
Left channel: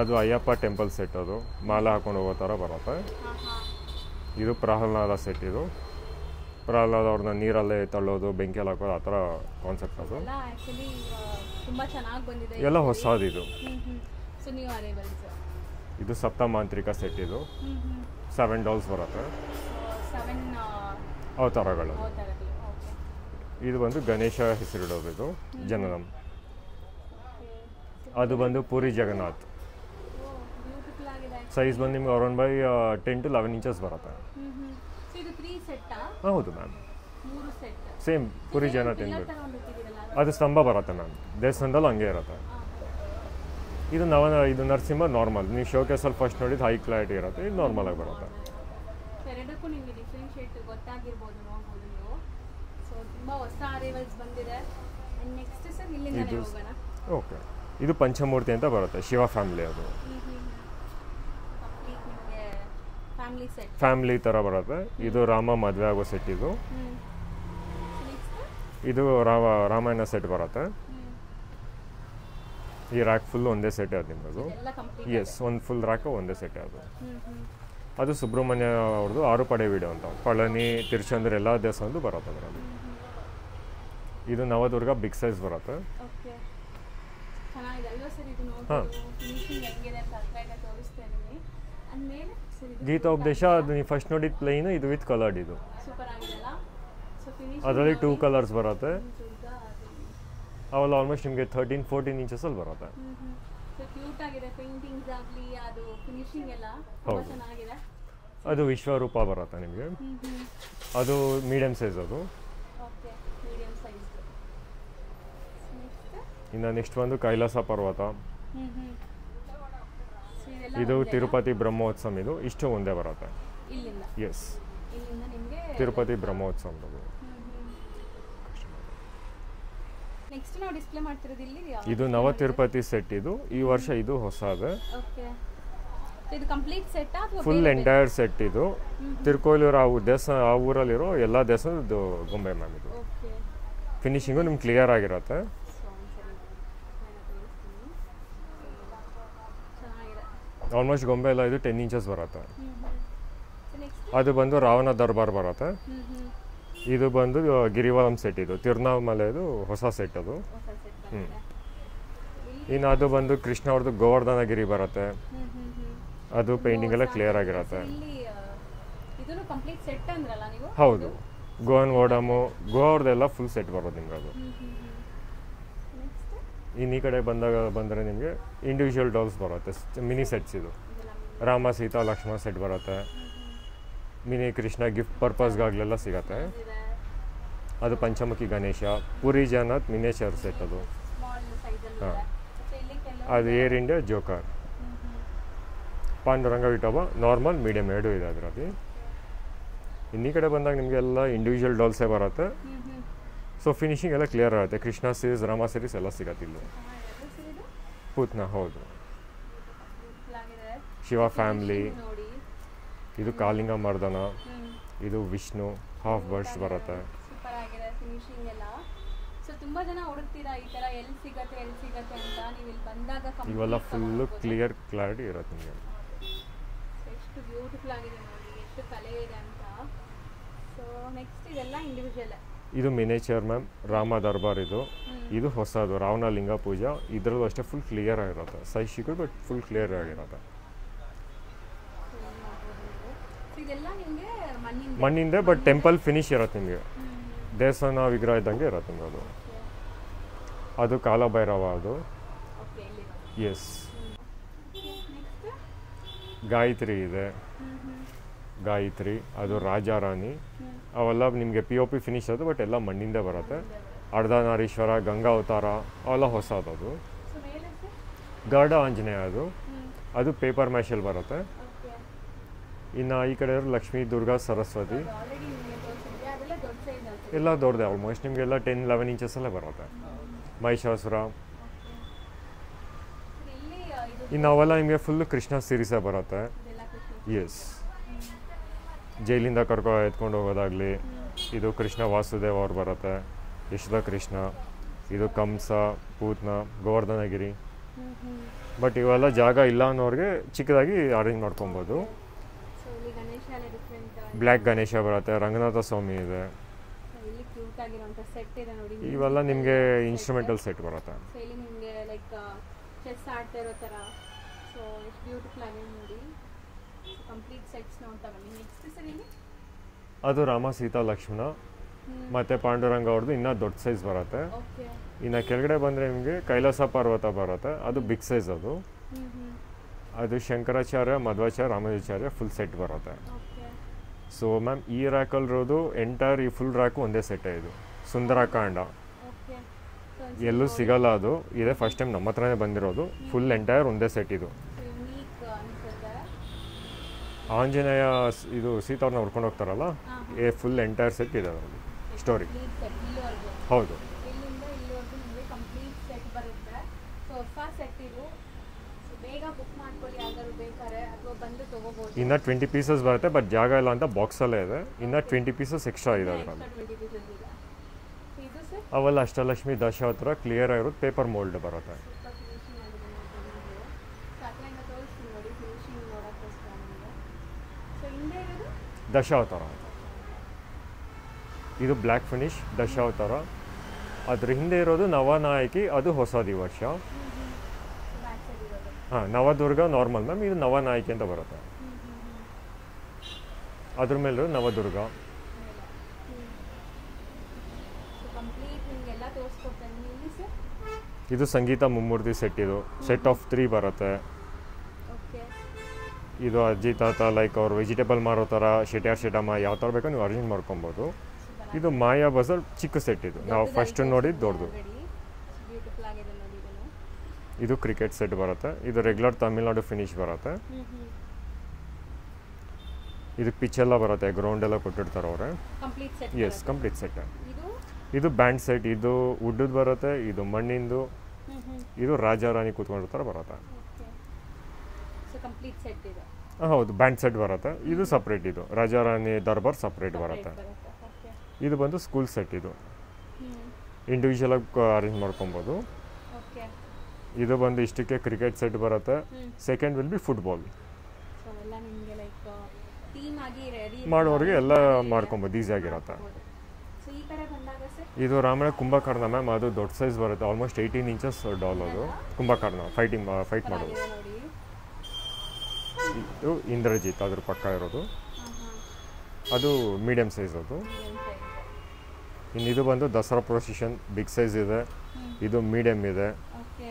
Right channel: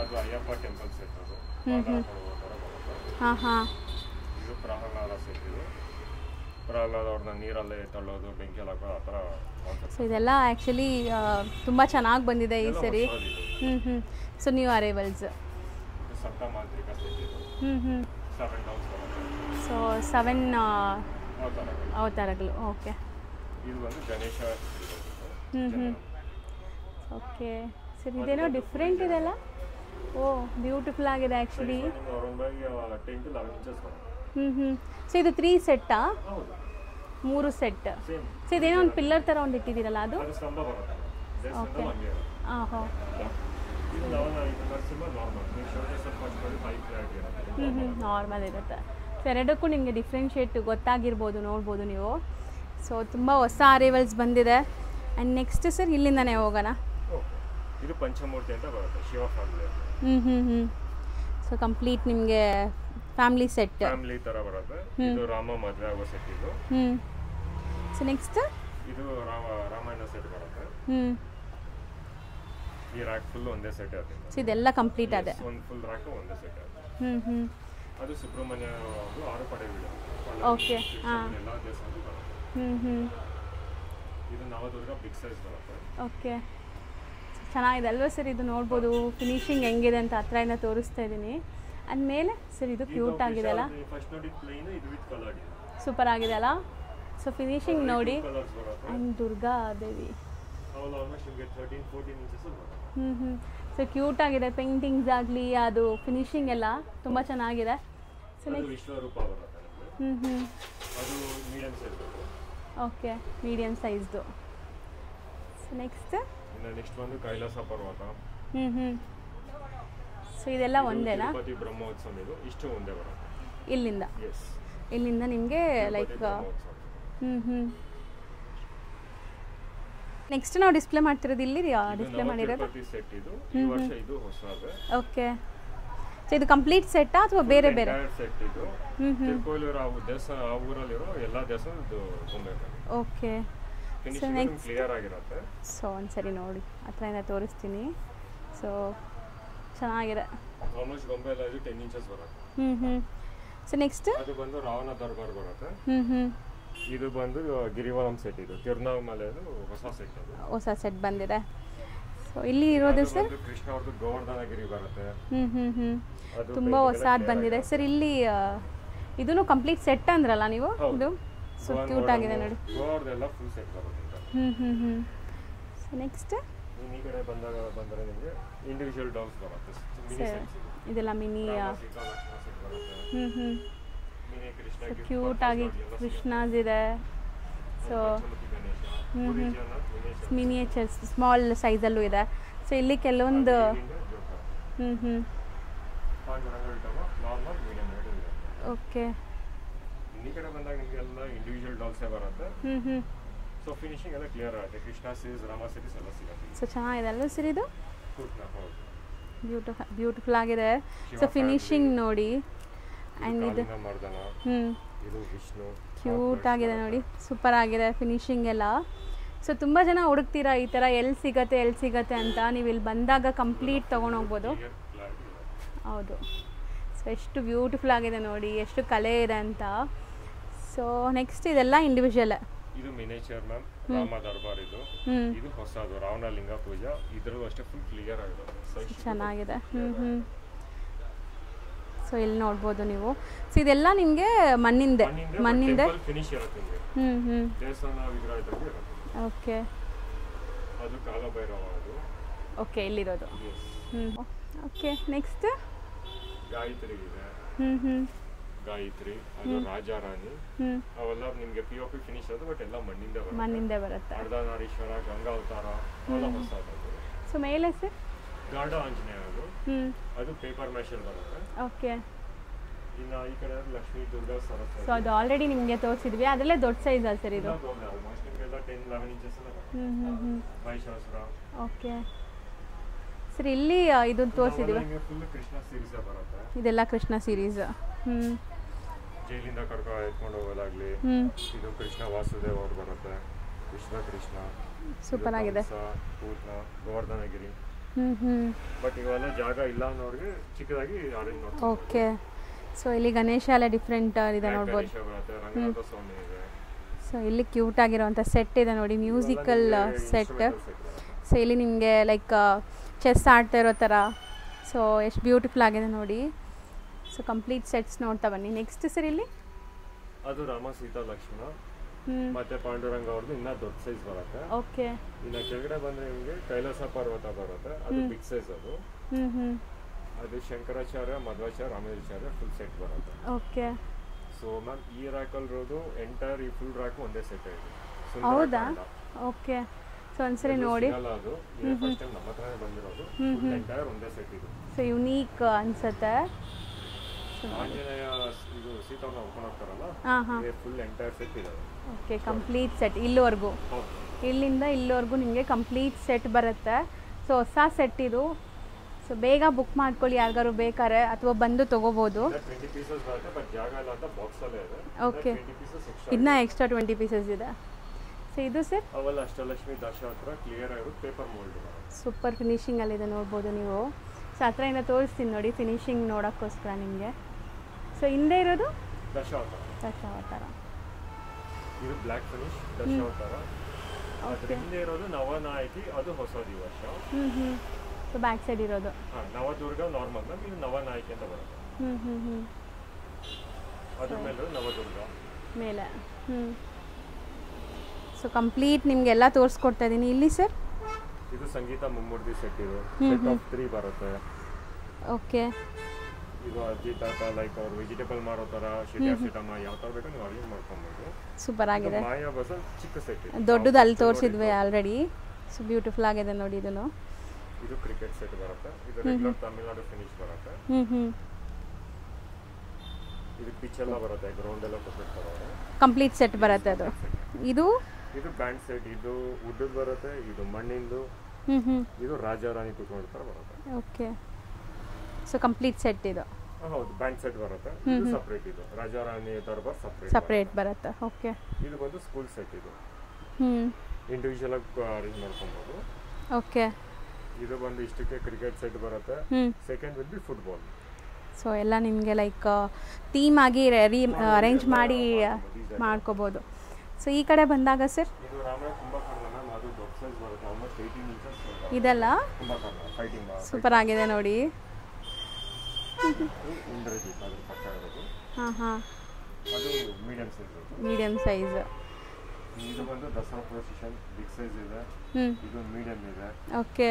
ಅದು ಅಯ್ಯಪ್ಪ ಟೆಂಪಲ್ ಸೆಟ್. ಅದು ಮಾಲ ಹಾಕೊಂಡು ಹೋಗೋ ಥರ ಬರುತ್ತೆ. ಇದು ಪ್ರಹ್ಲಾದ ಸೆಟ್. ಇದು ಪ್ರಹ್ಲಾದ ಅವ್ರನ್ನ ನೀರಲ್ಲೇ ತಳ್ಳೋದು, ಬೆಂಕಿಯಲ್ಲಿ ಹಾಕೋದು, ಆ ಥರ ಕಾನ್ಸೆಪ್ಟ್. ಇದೆಲ್ಲ ಆ್ಯಕ್ಚುಲಿ ತುಂಬ ಚೆನ್ನಾಗಿ ಬಂದಿದೆ. ಎಲ್ಲ ಹೊಸದು ಇದು. So new arrivals. ಇದು ಸಪ್ತಮಾಂತ್ರಿಕ ಸೆಟ್. ಇದು 7 ಡಾಲ್ಸ್ ಬರುತ್ತೆ. ಸೊ 7 ಅವತಾರಗಳು. ಓಕೆ. ಇದು ಬಂದು ಗಣೇಶ ಹೆಸರಿಡೋದು. ಇದು ಜನನಂ. ಓಕೆ. ಅದು ಬಂದು ಪೂರಿ ಜಗನ್ನಾಥ್. ಓ ಬ್ಯೂಟಿಫುಲ್ ಆಗಿದೆ. ಸೈಜ್ ಬಂದು ನಿಮಗೆ ಅರೌಂಡ್ ಬೈ 10 to 11 ಇಂಚಸ್ ಬರುತ್ತೆ. ಸೊ ಇದು 3 ಸೆಟ್ಟಾ? ಹೌದು ಮ್ಯಾಮ್. 3 ಸೆಟ್. ಸೇಮ್. ಸೊ ಇದೇನೋ ಒಂದು ಪಿಲ್ಲರ್ ತರ ಒಂದು ಇಟ್ಟಿದ್ದೀರಲ್ಲ, ಅದು ಸ್ತಂಭ ಬರುತ್ತೆ ಮ್ಯಾಮ್. ದೇವಸ್ಥಾನದಲ್ಲಿ ಹಂಗೆ ಇರುತ್ತೆ. ಓಕೆ. ಇದು ನರಸಿಂಹ ನಾರ್ಮಲ್. ನೀವು ಶೋಕೇಸಲ್ಲಿ ಫಸ್ಟ್ ನೋಡಿದ್ದು ಹೈ ಕ್ಲಾರಿಟಿ ಇರುತ್ತೆ. ಇದು ನಾರ್ಮಲ್ ಇರುತ್ತೆ. ಸೊ ಎರಡಕ್ಕೂ ನಿಮಗೆ ಡಿಫ್ರೆನ್ಶಿಯೇಟ್ ಗೊತ್ತಾಗಿರ್ಬೋದು, ನೋಡ್ಬೋದು ನೀವು. ಸೊ ತುಂಬ ಹೊಸ ಅರೈವಲ್ಸ್ ಬಂದಿದೆ. ಆ್ಯಂಡ್ ನೆಕ್ಸ್ಟ್ ಸರ್ ಇಲ್ಲಿಂದನೇ ಹೋಗೋಣ. ಓಕೆ. ಇದು ಪಂಚಮೂರ್ತಿ ಅಂತ ಬರುತ್ತೆ. ಶಿವ ಫ್ಯಾಮಿಲಿ. ಅದು ಸೊ ಕಂಪ್ಲೀಟ್ ನಿಮಗೆ ಫ್ಯಾಮಿಲಿ ಥರ ಬರುತ್ತೆ. ಇದು ರಾಮ ಮದುವೆ ಆಗೋ ಸೆಟ್. ಇದು ಸೊ ನೆಕ್ಸ್ಟ್ ಇದು ರಾಮಾಯಣ ಸೆಟ್ ಬರುತ್ತೆ. ಈ ರ್ಯಾಕ್ ಫುಲ್ ಒಂದೇ ಸೆಟ್. ಇದೆಲ್ಲ ಕಂಪ್ಲೀಟ್ ಇದೆ. ಒಂದು ಫುಲ್ ರ್ಯಾಕ್ ಒಂದೇ ಸೆಟ್. ಅದು ಸುಬ್ರಹ್ಮಣ್ಯ ಅವ್ರದ್ದು 6 ಪಡೆ ವಿಡಿಯೋ ಅಂತ. ಪಳನಿ, ತಿರುಚಂದ್ರ ಎಲ್ಲ ದೇವಸ್ಥಾನದ್ದು ಬರುತ್ತೆ. ಇದು ನವದುರ್ಗ ಬಿಗ್ ಸೈಜ್ ಬರುತ್ತೆ. ಓಕೆ. ಚೆನ್ನಾಗಿದೆ ಅಲ್ವಾ ಸರ್? ಇದು ನೋಡ್ಬೋದು ಫಿನಿಶಿಂಗ್ ಹೆಂಗಿದೆ ಅಂತ ಹತ್ರದಿಂದ ತೋರಿಸ್ತಾ ಇದ್ದೀನಿ. ಅಂದಮೇಲೆ ಸರ್ ಇದು ಗೀತೋಪದೇಶ. ಅದು ನೀವು ಫಸ್ಟ್ ನೋಡಿದ ಪ್ಲೇನ್. ಇದು ವಿತ್ ಕಲರ್ಡ್. ಇದು ಸೂಪರ್ ಆಗಿದೆ ಅಲ್ಲ? ಸೊ ಫಿನಿಶಿಂಗ್ ನೋಡಿ. 2 ಕಲರ್ಸ್ ಬರುತ್ತೆ. ದುರ್ಗಾ ದೇವಿ ಅವೆಲ್ಲ ಆಲ್ಮೋಸ್ಟ್ ನಿಮಗೆ 13-14 ಇಂಚಸ್ ಅಲ್ಲಿ ಬರುತ್ತೆ. ಸೊ ಕ್ಯೂಟ್ ಆಗಿದೆ. ಪೇಂಟಿಂಗ್ಸ್ ಆಗಲಿ, ಅದು ಫಿನಿಶಿಂಗ್ ಎಲ್ಲ ತುಂಬ ಚೆನ್ನಾಗಿದೆ. ಅದು ವಿಶ್ವರೂಪ ಬರುತ್ತೆ ನಿಮಗೆ. ಅದು ಮೀಡಿಯಂ ಸೈಜ್. ಅದು ಓಕೆ, ಮೀಡಿಯಂ ಸೈಜ್ದು. ನೆಕ್ಸ್ಟ್ ನೆಕ್ಸ್ಟ್ ಬಂದು ಕೈಲಾಸ ಪರ್ವತ. ಸೊ ಇದೆಲ್ಲ ಇದು ತಿರುಪತಿ ಬ್ರಹ್ಮೋತ್ಸವ. ಇದು ಇಷ್ಟು ಒಂದೇ ಬರುತ್ತೆ ಇಲ್ಲಿಂದ. ಎಸ್, ಇಲ್ಲಿಂದ ನಿಮಗೆ ತಿರುಪತಿ ಬ್ರಹ್ಮೋತ್ಸವ. ನೆಕ್ಸ್ಟ್ ನಾವು ಡಿಸ್ಪ್ಲೇ ಮಾಡ್ತಿರೋದು ಇಲ್ಲಿ. ಇದು ನವ ತಿರುಪತಿ ಸೆಟ್. ಇದು ಈ ವರ್ಷ ಇದು ಹೊಸದು. ಓಕೆ. ಸೊ ಇದು ಕಂಪ್ಲೀಟ್ ಸೆಟ್ ಅಥವಾ ಬೇರೆ ಬೇರೆ? Entire set. ಇದು ತಿರುಕೋಲೂರು ಆ ಊರಲ್ಲಿರೋ ಎಲ್ಲ ದೇವಸ್ಥಾನದ ಗೊಂಬೆ ಮಾಡಿ. ಓಕೆ. ಫಿನಿಶಿಂಗ್ ನಿಮ್ಗೆ ಕ್ಲಿಯರ್ ಆಗಿರುತ್ತೆ. ಸೊ ಒಂದ್ಸರಿ ನೋಡಿ, ಹತ್ರದಿಂದ ತೋರಿಸ್ತೀನಿ. ಸೊ ಚೆನ್ನಾಗಿದೆ. ಆಲ್ಮೋಸ್ಟ್ ಗೊಂಬೆ ಎಲ್ಲ ಇದು 10 ಇಂಚಸ್ ಬರುತ್ತೆ. ಸೊ ನೆಕ್ಸ್ಟ್ ಅದು ಬಂದು ರಾವಣ ದರ್ಬಾರ್ ಬರುತ್ತೆ. ಇದು ಬಂದು ಗಿರಿವಲಂ ಸೆಟ್. ಇದು ತಿರುವಣ್ಣಾಮಲೆದು ಹೊಸ ಸೆಟ್. ಅದು ಹೊಸ ಸೆಟ್ ಬಂದಿದೆ. ಸೊ ಇಲ್ಲಿ ಅದು ಬಂದು ಕೃಷ್ಣ ಅವ್ರದ್ದು ಗೋವರ್ಧನಗಿರಿ ಬರುತ್ತೆ. ಅದು ಪೇಂಟಿಂಗ್ ಎಲ್ಲ ಕ್ಲಿಯರ್ ಆಗಿದೆ ಸರ್. ಇಲ್ಲಿ ಇದನ್ನು ಕಂಪ್ಲೀಟ್ ಸೆಟ್ ಅಂದ್ರಲ್ಲ ನೀವು? ಹೌದು. ಗೋವರ್ಧನ ಗೋವರ್ಧೆಲ್ಲ ಫುಲ್ ಸೆಟ್ ಬರೋದು ನಿಮಗೆ. ಅದು ನೆಕ್ಸ್ಟ್ ಈ ಕಡೆ ಬಂದರೆ ನಿಮಗೆ ಇಂಡಿವಿಜುವಲ್ ಡಾಲ್ಸ್ ಬರುತ್ತೆ. Mini sets. ಇದು ರಾಮ ಸೀತಾ ಲಕ್ಷ್ಮಣ ಸೆಟ್ ಬರುತ್ತೆ. ಮಿನಿ ಕೃಷ್ಣ ಗಿಫ್ಟ್ ಪರ್ಪಸ್ಗಾಗಲೆಲ್ಲ ಸಿಗುತ್ತೆ. ಅದು Panchamukhi Ganesha, Puri Jagannath miniature small size ಅಲ್ಲೂ ಇದೆ. ಸೊ ಇಲ್ಲಿ ಕೆಲವೊಂದು air India joker, Panduranga Vithoba normal medium ಎರಡು ಇದೆ ಅದರಲ್ಲಿ. ಓಕೆ. ಈ ಕಡೆ ಬಂದಾಗ ನಿಮಗೆ ಎಲ್ಲ ಇಂಡಿವಿಜುವಲ್ ಡಾಲ್ಸೇ ಬರುತ್ತೆ. ಸೊ ಫಿನಿಶಿಂಗ್ ಎಲ್ಲ ಕ್ಲಿಯರ್ ಆಗುತ್ತೆ. ಕೃಷ್ಣ ಸೀರೀಸ್, ರಾಮ ಸೀರೀಸ್ ಎಲ್ಲ ಸಿಗುತ್ತೆ ಇಲ್ಲಿ. ಸೊ ಚೆನ್ನಾಗಿದೆ ಅಲ್ವಾ ಸರ್ ಇದು? ಪೂತ್ನ. ಹೌದು, ಬ್ಯೂಟಿಫುಲ್ ಆಗಿದೆ. ಶಿವ ಫಿನಿಶಿಂಗ್ ನೋಡಿ. ಇದು ಕಾಲಿಂಗ ಮರ್ದನ, ಇದು ವಿಷ್ಣು. ನೋಡಿ, ಸೂಪರ್ ಆಗಿದೆ ಫಿನಿಶಿಂಗ್ ಎಲ್ಲ. ಸೊ ತುಂಬಾ ಜನ ಹುಡುಕ್ತೀರಾ ಈ ತರ ಎಲ್ಲಿ ಸಿಗತ್ತೆ ಅಂತ. ನೀವು ಇಲ್ಲಿ ಬಂದಾಗ ಕಂಪ್ಲೀಟ್ ತಗೊಂಡು ಹೋಗ್ಬೋದು. ಕ್ಲಿಯರ್ ಕ್ಲಾರಿಟಿ ಇರುತ್ತೆ. ಹೌದು. ಸೊ ಎಷ್ಟು ಬ್ಯೂಟಿಫುಲ್ ಆಗಿದೆ ನೋಡಿ, ಎಷ್ಟು ಕಲೆ ಇದೆ ಅಂತ. ಸೊ ನೆಕ್ಸ್ಟ್ ಇದೆಲ್ಲ ಇಂಡಿವಿಜುವಲ್. ಇದು ಮಿನೇಚರ್ ಮ್ಯಾಮ್. ರಾಮ ದರ್ಬಾರ್. ಇದು ಹೊಸದು ರಾವಣ ಲಿಂಗ ಪೂಜಾ. ಇದರಲ್ಲೂ ಅಷ್ಟೇ ಫುಲ್ ಕ್ಲಿಯರ್ ಆಗಿರುತ್ತೆ. ಸೈಜ್ ಫುಲ್ ಕ್ಲಿಯರ್ ಆಗಿರುತ್ತೆ. ಸೊ ಇಲ್ಲಿ ನೋಡ್ಬೋದು ನೀವು. ಸೊ ಇದೆಲ್ಲ ನಿಮಗೆ ಮಣ್ಣಿಂದ ಬಟ್ ಟೆಂಪಲ್ ಫಿನಿಶ್ ಇರುತ್ತೆ ನಿಮಗೆ. ದೇವಸ್ಥಾನ ವಿಗ್ರಹ ಇದ್ದಂಗೆ ಇರುತ್ತೆ ನಿಮಗೆ. ಓಕೆ. ಅದು ಕಾಲಭೈರವ. ಅದು ಓಕೆ ಇಲ್ಲಿರೋದು. ಎಸ್. ಓಕೆ. ನೆಕ್ಸ್ಟ್ ಗಾಯತ್ರಿ ಇದೆ, ಹ್ಮ್ ಹ್ಮ್ ಗಾಯತ್ರಿ ಅದು ರಾಜಾರಾಣಿ ಅವೆಲ್ಲ ನಿಮಗೆ POP ಫಿನಿಶ್ ಅದು, ಬಟ್ ಎಲ್ಲ ಮಣ್ಣಿಂದ ಬರುತ್ತೆ. ಮಣ್ಣಿಂದ ಬರುತ್ತೆ. ಅರ್ಧನಾರೀಶ್ವರ, ಗಂಗಾ ಅವತಾರ ಅವೆಲ್ಲ ಹೊಸದದು. ಸೊ ಮೇಲೆ ಸರ್ ಗರುಡ ಆಂಜನೇಯ ಅದು ಪೇಪರ್ ಮ್ಯಾಶಲ್ಲಿ ಬರುತ್ತೆ. ಓಕೆ. ಇನ್ನು ಈ ಕಡೆ ಲಕ್ಷ್ಮೀ, ದುರ್ಗಾ, ಸರಸ್ವತಿ. ಅದು ಆಲ್ರೆಡಿ ನಿಮಗೆ ತೋರಿಸಿದ್ವಿ, ಅದರಲ್ಲೇ ದೊಡ್ಡ ಸೈಜ್ ಅಲ್ಲ ಸರ್? ಎಲ್ಲ ದೊಡ್ಡದೆ, ಆಲ್ಮೋಸ್ಟ್ ನಿಮಗೆಲ್ಲ 10-11 ಇಂಚಸ್ ಅಲ್ಲೇ ಬರುತ್ತೆ. ಮಹಿಷಾಸುರ. Okay sir. ಇಲ್ಲಿ ಇದು ಇನ್ನು ಅವೆಲ್ಲ ನಿಮಗೆ ಫುಲ್ ಕೃಷ್ಣ ಸೀರೀಸೇ ಬರುತ್ತೆ. ಇದೆಲ್ಲ ಕೃಷ್ಣ ಸೀರೀಸ್. ಜೈಲಿಂದ ಎತ್ಕೊಂಡು ಹೋಗೋದಾಗ್ಲಿ, ಇದು ಕೃಷ್ಣ ವಾಸುದೇವ್ ಅವ್ರು ಬರುತ್ತೆ. ಯಶೋಧ ಕೃಷ್ಣ, ಇದು ಕಂಸ, ಪೂತ್ನ, ಗೋವರ್ಧನಗಿರಿ. ಬಟ್ ಇವೆಲ್ಲ ಜಾಗ ಇಲ್ಲ ಅನ್ನೋರಿಗೆ ಚಿಕ್ಕದಾಗಿ ಅರೇಂಜ್ ಮಾಡ್ಕೊಬಹುದು. ಸೊ ಇಲ್ಲಿ ಗಣೇಶ ಎಲ್ಲ ಡಿಫ್ರೆಂಟ್ ಬ್ಲ್ಯಾಕ್ ಗಣೇಶ ಬರುತ್ತೆ, ರಂಗನಾಥ ಸ್ವಾಮಿ ಇದೆ. ಸೊ ಇಲ್ಲಿ ಕ್ಯೂಟ್ ಆಗಿರುವಂತ ಸೆಟ್ ಇದೆ ನೋಡಿ, ಮ್ಯೂಸಿಕಲ್ ಸೆಟ್ ಬರುತ್ತೆ. ಸೊ ಇಲ್ಲಿ ನಿಮಗೆ ಲೈಕ್ ಚೆಸ್ ಆಡ್ತಾ ಇರೋ ಥರ. ಸೊ ಎಷ್ಟು ಬ್ಯೂಟಿಫುಲ್ ಆಗಿದೆ ನೋಡಿ. ಸೊ ಕಂಪ್ಲೀಟ್ ಸೆಟ್ಸ್ ನೋಡ್ತಾ ಬನ್ನಿ. ನೆಕ್ಸ್ಟ್ ಸರ್ ಇಲ್ಲಿ ಅದು ರಾಮ, ಸೀತಾ, ಲಕ್ಷ್ಮಣ ಮತ್ತೆ ಪಾಂಡುರಂಗ ಅವ್ರದ್ದು ಇನ್ನೂ ದೊಡ್ಡ ಸೈಜ್ ಬರುತ್ತೆ. ಓಕೆ. ಇನ್ನು ಕೆಳಗಡೆ ಬಂದರೆ ನಿಮಗೆ ಕೈಲಾಸ ಪರ್ವತ ಬರುತ್ತೆ, ಅದು ಬಿಗ್ ಸೈಜ್ ಅದು. ಅದು ಶಂಕರಾಚಾರ್ಯ, ಮಧ್ವಾಚಾರ್ಯ, ರಾಮಾಚಾರ್ಯ ಫುಲ್ ಸೆಟ್ ಬರುತ್ತೆ. ಓಕೆ. ಸೊ ಮ್ಯಾಮ್ ಈ ರ್ಯಾಕಲ್ಲಿರೋದು ಎಂಟೈರ್ ಈ ಫುಲ್ ರ್ಯಾಕು ಒಂದೇ ಸೆಟ್ ಇದು, ಸುಂದರಕಾಂಡ. ಓಕೆ. ಎಲ್ಲೂ ಸಿಗಲ್ಲ, ಅದು ಇದೆ ಫಸ್ಟ್ ಟೈಮ್ ನಮ್ಮ ಹತ್ರನೇ ಬಂದಿರೋದು. ಫುಲ್ ಎಂಟೈರ್ ಒಂದೇ ಸೆಟ್ ಇದು. ಸೊ ಯುನೀಕ್ ಅನ್ಸುತ್ತೆ. ಆಂಜನೇಯ ಇದು ಸೀತಾವ್ರನ್ನ ಹುಡ್ಕೊಂಡು ಹೋಗ್ತಾರಲ್ಲ, ಫುಲ್ ಎಂಟೈರ್ ಸೆಟ್ ಇದೆ. ಓಕೆ, ಕಂಪ್ಲೀಟ್ ಸೆಟ್ ಇಲ್ಲಿವರೆಗೂ. ಹೌದು, ಇಲ್ಲಿಂದ ಇಲ್ಲಿವರೆಗೂ ನಿಮಗೆ ಕಂಪ್ಲೀಟ್ ಸೆಟ್ ಬರುತ್ತೆ. ಸೊ ಹೊಸ ಸೆಟ್ ಇದು. ಸೊ ಬೇಗ ಬುಕ್ ಮಾಡ್ಕೊಳ್ಳಿ ಯಾರಿಗಾರು ಬೇಕಾರೆ, ಅಥವಾ ಬಂದು ತಗೋಬಹುದು. ಇನ್ನ 20 ಪೀಸಸ್ ಬರುತ್ತೆ, ಬಟ್ ಜಾಗ ಇಲ್ಲ ಅಂತ ಬಾಕ್ಸ್ ಅಲ್ಲೇ ಇದೆ. ಇನ್ನ 20 ಪೀಸಸ್ ಎಕ್ಸ್ಟ್ರಾ ಇದೆ. ಇನ್ನ ಎಕ್ಸ್ಟ್ರಾ 20 ಪೀಸಸ್ ಇದೆ. ಸೊ ಇದು ಸರ್ ಅವೆಲ್ಲ ಅಷ್ಟಲಕ್ಷ್ಮಿ, ದಶಾವತಾರ ಕ್ಲಿಯರ್ ಆಗಿರೋದು, ಪೇಪರ್ ಮೋಲ್ಡ್ ಬರುತ್ತೆ. ಸೂಪರ್ ಫಿನಿಶಿಂಗ್ ಅಲ್ಲಿ ಇದೆ, ನೋಡ್ಬೋದು ನೀವು. ಸೊ ಹತ್ರದಿಂದ ತೋರಿಸ್ತೀನಿ ನೋಡಿ, ಫಿನಿಶಿಂಗ್ ನೋಡೋಕ್ಕೋಸ್ಕರ ನಿಮಗೆ. ಸೊ ಹಿಂದೆ ಇರೋದು ದಶಾವತಾರ. ಇದು ಬ್ಲ್ಯಾಕ್ ಫಿನಿಶ್ ದಶಾವತಾರ. ಅದ್ರ ಹಿಂದೆ ಇರೋದು ನವನಾಯಕಿ, ಅದು ಹೊಸದು ಈ ವರ್ಷ. ಸೊ ಬ್ಯಾಕ್ ಸೈಡ್ ಇರೋದು ನವದುರ್ಗ ನಾರ್ಮಲ್ ಮ್ಯಾಮ್, ಇದು ನವನಾಯಕಿ ಅಂತ ಬರುತ್ತೆ. ಅದ್ರ ಮೇಲೆ ನವದುರ್ಗ ಮೇಲೆ. ಸೊ ಕಂಪ್ಲೀಟ್ ನಿಮಗೆಲ್ಲ ತೋರಿಸ್ಕೊಡ್ತಾ ಇದ್ದೀನಿ. ಇಲ್ಲಿ ಸರ್ ಇದು ಸಂಗೀತ ಮುಮ್ಮೂರ್ತಿ ಸೆಟ್, ಇದು ಸೆಟ್ ಆಫ್ 3 ಬರುತ್ತೆ. ಓಕೆ. ಇದು ಅಜ್ಜಿ ತಾತ ಲೈಕ್ ಅವ್ರು ವೆಜಿಟೇಬಲ್ ಮಾರೋ ಥರ ಶೆಟ್ಯಾರ್ ಶೆಟಮ್ಮ ಯಾವ ಥರ ಬೇಕೋ ನೀವು ಅರೇಂಜ್ ಮಾಡ್ಕೊಬೋದು. ಸೂಪರ್ ಇದು ಆಗಿದೆ. ಮಾಯಾ ಬಜಾರ್ ಚಿಕ್ಕ ಸೆಟ್ ಇದೆ, ದೊಡ್ಡದಲ್ಲಿ ತೋರಿಸಿದ್ವಿ ಆಲ್ರೆಡಿ. ಸೊ ಬ್ಯೂಟಿಫುಲ್ ಆಗಿದೆ ನೋಡಿ ಇದನ್ನು. ಇದು ಕ್ರಿಕೆಟ್ ಸೆಟ್ ಬರುತ್ತೆ. ಇದು ರೆಗ್ಯುಲರ್ ತಮಿಳ್ನಾಡು ಫಿನಿಶ್ ಬರುತ್ತೆ. ಇದು ಪಿಚ್ ಎಲ್ಲ ಬರುತ್ತೆ, ಗ್ರೌಂಡ್ ಎಲ್ಲ ಕೊಟ್ಟಿರ್ತಾರೆ ಅವರೇ. ಕಂಪ್ಲೀಟ್ ಸೆಟ್ ಬರುತ್ತೆ. Complete set. ಇದು ಬ್ಯಾಂಡ್ ಸೆಟ್, ಇದು ವುಡ್ ಬರುತ್ತೆ, ಇದು ಮಣ್ಣಿಂದು, ಇದು ರಾಜಾರಾಣಿ ಕೂತ್ಕೊಂಡಿರ್ತಾರೆ ಬರುತ್ತೆ. ಓಕೆ. ಸೊ ಕಂಪ್ಲೀಟ್ ಸೆಟ್ ಇದು. ಹೌದು, ಬ್ಯಾಂಡ್ ಸೆಟ್ ಬರುತ್ತೆ. ಇದು ಸಪರೇಟ್, ಇದು ರಾಜಾರಾಣಿ ದರ್ಬಾರ್ ಸಪರೇಟ್ ಬರುತ್ತೆ. ಓಕೆ. ಇದು ಬಂದು ಸ್ಕೂಲ್ ಸೆಟ್, ಇದು ಇಂಡಿವಿಜುವಲ್ ಆಗಿ ಅರೇಂಜ್ ಮಾಡ್ಕೊಬೋದು. ಓಕೆ. ಇದು ಬಂದು ಇಷ್ಟಕ್ಕೆ ಕ್ರಿಕೆಟ್ ಸೆಟ್ ಬರುತ್ತೆ. Second will be football. So ಎಲ್ಲ ನಿಮಗೆ ಲೈಕ್ ಥೀಮ್ ಆಗಿ ಅರೇಂಜ್ ಮಾಡಿ ಮಾಡ್ಕೋಬಹುದು. ಸೊ ಈ ಕಡೆ ಬಂದಾಗ ಸರ್ ಇದು ರಾಮನ ಕುಂಭಕರ್ಣ ಮ್ಯಾಮ್, ಅದು ದೊಡ್ಡ ಸೈಜ್ ಬರುತ್ತೆ, ಆಲ್ಮೋಸ್ಟ್ 18 ಇಂಚಸ್. ಇದೆಲ್ಲ ಕುಂಭಕರ್ಣ ಫೈಟಿಂಗ್ ಸೂಪರ್ ಆಗಿದೆ ನೋಡಿ. ಇದು ಇಂದ್ರಜಿತ್ ಅದ್ರ ಪಕ್ಕ ಇರೋದು. ಅದು ಮೀಡಿಯಂ ಸೈಜ್. ಇನ್ನು ಇದು ಬಂದು ದಸರಾ ಪ್ರೊಸೆಷನ್ ಬಿಗ್ ಸೈಜ್ ಇದೆ, ಇದು ಮೀಡಿಯಂ ಇದೆ. Okay.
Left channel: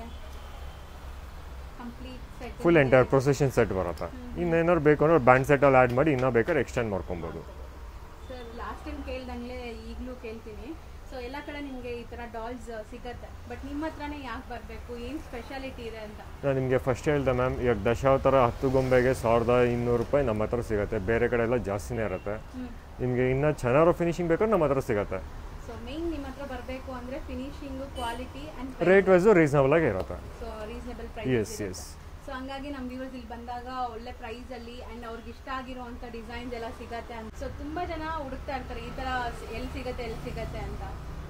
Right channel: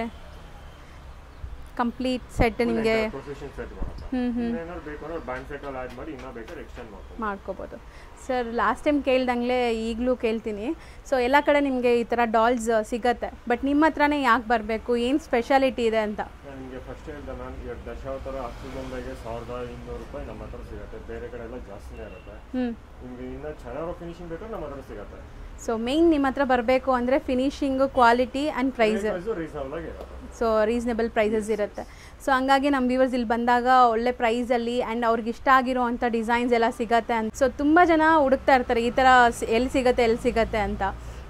Complete set full entire procession set ಬರುತ್ತೆ. ಇನ್ನೇನಾದ್ರು ಬೇಕು ಅಂದ್ರೆ ಬ್ಯಾಂಡ್ ಸೆಟ್ ಅಲ್ಲಿ ಆಡ್ ಮಾಡಿ ಇನ್ನೂ ಬೇಕಾದ್ರೆ ಎಕ್ಸ್ಟೆಂಡ್ ಮಾಡ್ಕೊಬೋದು. ಸರ್ ಲಾಸ್ಟ್ ಟೈಮ್ ಕೇಳ್ದಂಗೆ ಈಗಲೂ ಕೇಳ್ತೀನಿ. ಸೊ ಎಲ್ಲ ಕಡೆ ನಿಮಗೆ ಈ ಥರ ಡಾಲ್ಸ್ ಸಿಗತ್ತೆ, ಬಟ್ ನಿಮ್ಮ ಹತ್ರನೇ ಯಾಕೆ ಬರಬೇಕು, ಏನು ಸ್ಪೆಷಾಲಿಟಿ ಇದೆ ಅಂತ? ನಾನು ನಿಮಗೆ ಫಸ್ಟ್ ಹೇಳ್ದೆ ಮ್ಯಾಮ್, ಈಗ ದಶಾವತಾರ 10 ಗೊಂಬೆಗೆ 1200 ರೂಪಾಯಿ ನಮ್ಮ ಹತ್ರ ಸಿಗುತ್ತೆ. ಬೇರೆ ಕಡೆ ಎಲ್ಲ ಜಾಸ್ತಿನೇ ಇರುತ್ತೆ. ನಿಮಗೆ ಇನ್ನೂ ಚೆನ್ನಾಗಿರೋ ಫಿನಿಶಿಂಗ್ ಬೇಕಾದ್ರೆ ನಮ್ಮ ಹತ್ರ ಸಿಗುತ್ತೆ. ಸೊ ಮೇನ್ ನಿಮ್ಮ ಹತ್ರ ಬರಬೇಕು ಅಂದರೆ ಫಿನಿಶಿಂಗು, ಕ್ವಾಲಿಟಿ ಆ್ಯಂಡ್ ಪ್ರೈಸ್ ರೀಸನಬಲ್ ಆಗಿ ಇರುತ್ತೆ. ಸೊ ರೀಸನಬಲ್ ಪ್ರೈಸಸ್ ಇರುತ್ತೆ. ಸೊ ಹಂಗಾಗಿ ನಮ್ಮ ವ್ಯೂವರ್ಸ್ ಇಲ್ಲಿ ಬಂದಾಗ ಒಳ್ಳೆ ಪ್ರೈಸಲ್ಲಿ ಆ್ಯಂಡ್ ಅವ್ರಿಗೆ ಇಷ್ಟ ಆಗಿರೋ ಅಂಥ ಡಿಸೈನ್ಸ್ ಎಲ್ಲ ಸಿಗತ್ತೆ ಅಂತ. ಸೊ ತುಂಬ ಜನ ಹುಡುಕ್ತಾ ಇರ್ತಾರೆ ಈ ಥರ ಎಲ್ಲಿ ಸಿಗತ್ತೆ ಅಂತ.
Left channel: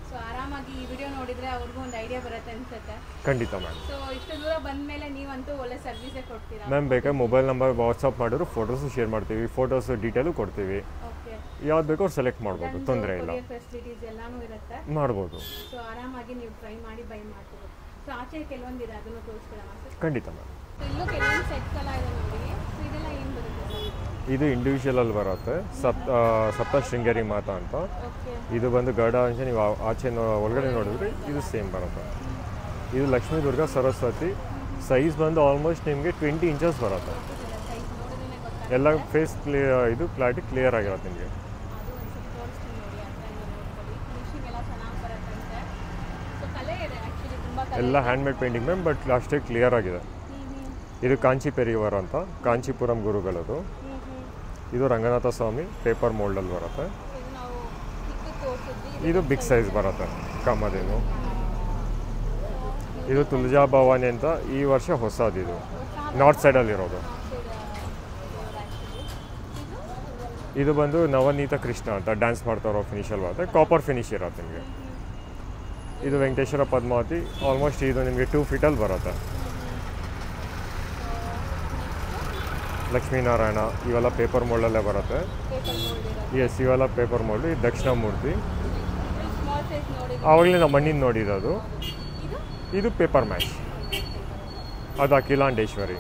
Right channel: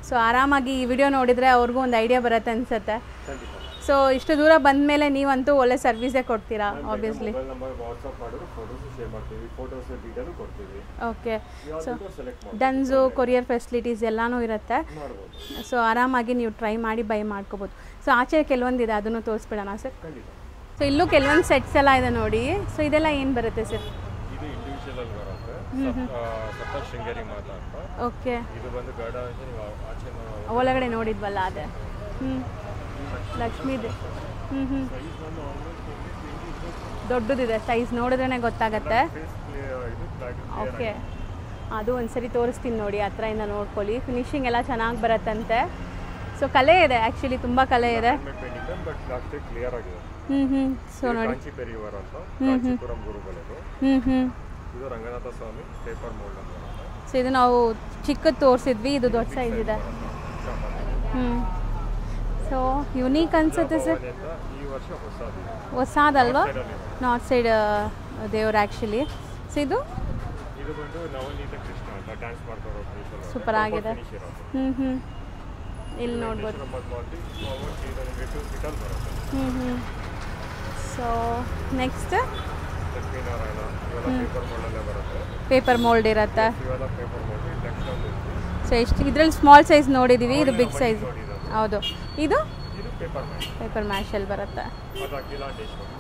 ಸೊ ಆರಾಮಾಗಿ ಈ ವಿಡಿಯೋ ನೋಡಿದರೆ ಅವ್ರಿಗೂ ಒಂದು ಐಡಿಯಾ ಬರುತ್ತೆ ಅನ್ಸುತ್ತೆ. ಖಂಡಿತ ಮ್ಯಾಮ್. ಸೊ ಇಷ್ಟು ದೂರ ಬಂದ ಮೇಲೆ ನೀವಂತೂ ಒಳ್ಳೆ ಸರ್ವಿಸೇ ಕೊಡ್ತೀರಾ. ಮ್ಯಾಮ್ ಬೇಕಾದ್ರೆ ಮೊಬೈಲ್ ನಂಬರ್ ವಾಟ್ಸ್ಆಪ್ ಮಾಡಿದ್ರು ಫೋಟೋಸ್ ಶೇರ್ ಮಾಡ್ತೀವಿ, ಫೋಟೋಸ್ ಡೀಟೇಲು ಕೊಡ್ತೀವಿ. ಓಕೆ. ಯಾವ್ದು ಬೇಕೋ ಸೆಲೆಕ್ಟ್ ಮಾಡ್ಬೋದು. ಡನ್ಸು, ಕೊರಿಯರ್ ಫೆಸಿಲಿಟೀಸ್ ಎಲ್ಲಾನು ಇರುತ್ತೆ, ಮಾಡ್ಬೋದು. ಸೊ ಆರಾಮಾಗಿ ನೀವು ಟ್ರೈ ಮಾಡಿ ಬೈ ಮಾಡ್ಕೋಬೋದು. ಸೊ ಆಚೆ ಕೆಲವೊಂದಿದೆ, ಅದನ್ನು ತೋರಿಸ್ಬಿಡೋಣ ಸರ್? ಖಂಡಿತ ಮ್ಯಾಮ್. ಸೊ ಇಲ್ಲೂ ಕೆಲವೊಂದು ಸೆಟ್ಸ್ ಎಲ್ಲ ಇದೆ ನೋಡಿ. ಸೊ ಇದೆಲ್ಲ ಏನು ಬರುತ್ತೆ ಸರ್? ಇದು ಇಂಡಿವಿಜುವಲ್ ಅಲ್ಲಿ ಬರುತ್ತೆ, ಸಪ್ತ ಶೃಂಗೇರಿ ಮಾತಾ ಅಂತ. ಓಕೆ. ಇದು ಬಂದು ಗರುಡ, ನೀವು ಆಚೆ ಒಳಗಡೆ ನೋಡಿದ್ವಲ್ಲ ಸೇಮ್ ಬರುತ್ತೆ. ಇದು ಲಕ್ಷ್ಮೀ ದುರ್ಗಾ ಸರಸ್ವತಿ. ಸೈಜ್ ಬಂದು ಆಲ್ಮೋಸ್ಟ್ ನಿಮಗೆ 20 ಇಂಚಸ್ ಬರುತ್ತೆ. ದೊಡ್ಡದಿದೆ ಸೈಜ್, ನೋಡಿದ್ರೇನೆ ಎಲ್ಲ ಗೊತ್ತಾಗುತ್ತೆ. ಫೇಸ್ ಇದು ಕ್ಲಾರಿಟಿ ಕ್ಲಿಯರ್ ಆಗಿರುತ್ತೆ ನಿಮಗೆ. ಅದು ಒಂದ್ಸರಿ ತೋರಿಸ್ತೀನಿ ನೋಡಿ, ಹತ್ರದಿಂದ ನೋಡ್ಕೊಳ್ಳಿ. ಫಿನಿಶಿಂಗ್ ಎಲ್ಲ ಚೆನ್ನಾಗಿ ಬರುತ್ತಂತೆ. ಸೊ ಕಲೆ ಇದೆ ಆ್ಯಕ್ಚುಲಿ, ತುಂಬ ಕಲೆ ಇದೆ. Hand made painting ma'am, but ಅಷ್ಟೇ ಕ್ಲಿಯರ್ ಆಗಿದೆ. ಇದು ಕಾಂಚಿ ಪೆರಿಯವರ್ ಅಂತ, ಕಾಂಚೀಪುರಂ ಗುರುಗಳದು. ಇದು ರಂಗನಾಥ ಸ್ವಾಮಿ ಪೇಪರ್ ಮೋಲ್ಡ್ ಅಲ್ಲಿ ಬರುತ್ತೆ. ಸೊ ಇದು ನಾವು ಚಿಕ್ಕದು ತೋರಿಸಿದ್ವಿ, ಇದು ದೊಡ್ಡ ಬಿಗ್ ಸೈಜ್ ಬರುತ್ತೆ ಕಮ್ಮದೇನು. ಸೊ ಯುನೀಕ್ ಅನ್ಸುತ್ತೆ ಅಂತ ಈ ವರ್ಷ ಹೊಸದಿದು, ನಾರ್ತ್ ಸೈಡ್ ಅಲ್ಲಿ ಇರೋದು, ನಾರ್ತ್ ಸೈಡ್ ದೇವರು ಆ್ಯಕ್ಚುಲಿ. ಸೊ ಇದು ಬಂದು ನವನೀತ ಕೃಷ್ಣ ಅಂತ ಡ್ಯಾನ್ಸ್ ಮಾಡ್ತಾ ಇರೋ ಫಿನಿಶ್ ಅಲ್ಲಿ ಬರುತ್ತೆ, ಕಾಪರ್ ಫಿನಿಶ್ ಇರುತ್ತೆ. ಇದು ವೆಂಕಟೇಶ್ವರ ಪದ್ಮಾವತಿ, ಆಲ್ಮೋಸ್ಟ್ ಇದು ನಿಮಗೆ 2 feet ಅಲ್ಲಿ ಬರುತ್ತೆ. ಸೊ ನೆಕ್ಸ್ಟ್ ಲಕ್ಷ್ಮೀನಾರಾಯಣ, ಇವೆಲ್ಲ ಪೇಪರ್ ಮೋಲ್ಡ್ ಅಲ್ಲೇ ಬರುತ್ತೆ. ಪೇಪರ್ ಮೋಲ್ಡ್ ಇರುತ್ತೆ. ಇವೆಲ್ಲ ಪೇಪರ್ ಮೋಲ್ಡ್. ಇದು ದಕ್ಷಿಣಾಮೂರ್ತಿ. ಸೊ ಎಷ್ಟು ಇದರಲ್ಲಿ ಸ್ಮಾಲ್ ಸೈಜ್ ನೋಡಿದೀವಿ, ಇದು ಮಣ್ಣಿನ ನೋಡಿರೋದು. ಹೌದು. ಇದು ಪೇಪರ್ ಮ್ಯಾಶ್. ಪೇಪರ್ ಮ್ಯಾಶ್ ಅಲ್ಲಿ ಬರುತ್ತೆ. ಅದು ಅಖಿಲಾಂಡೇಶ್ವರಿ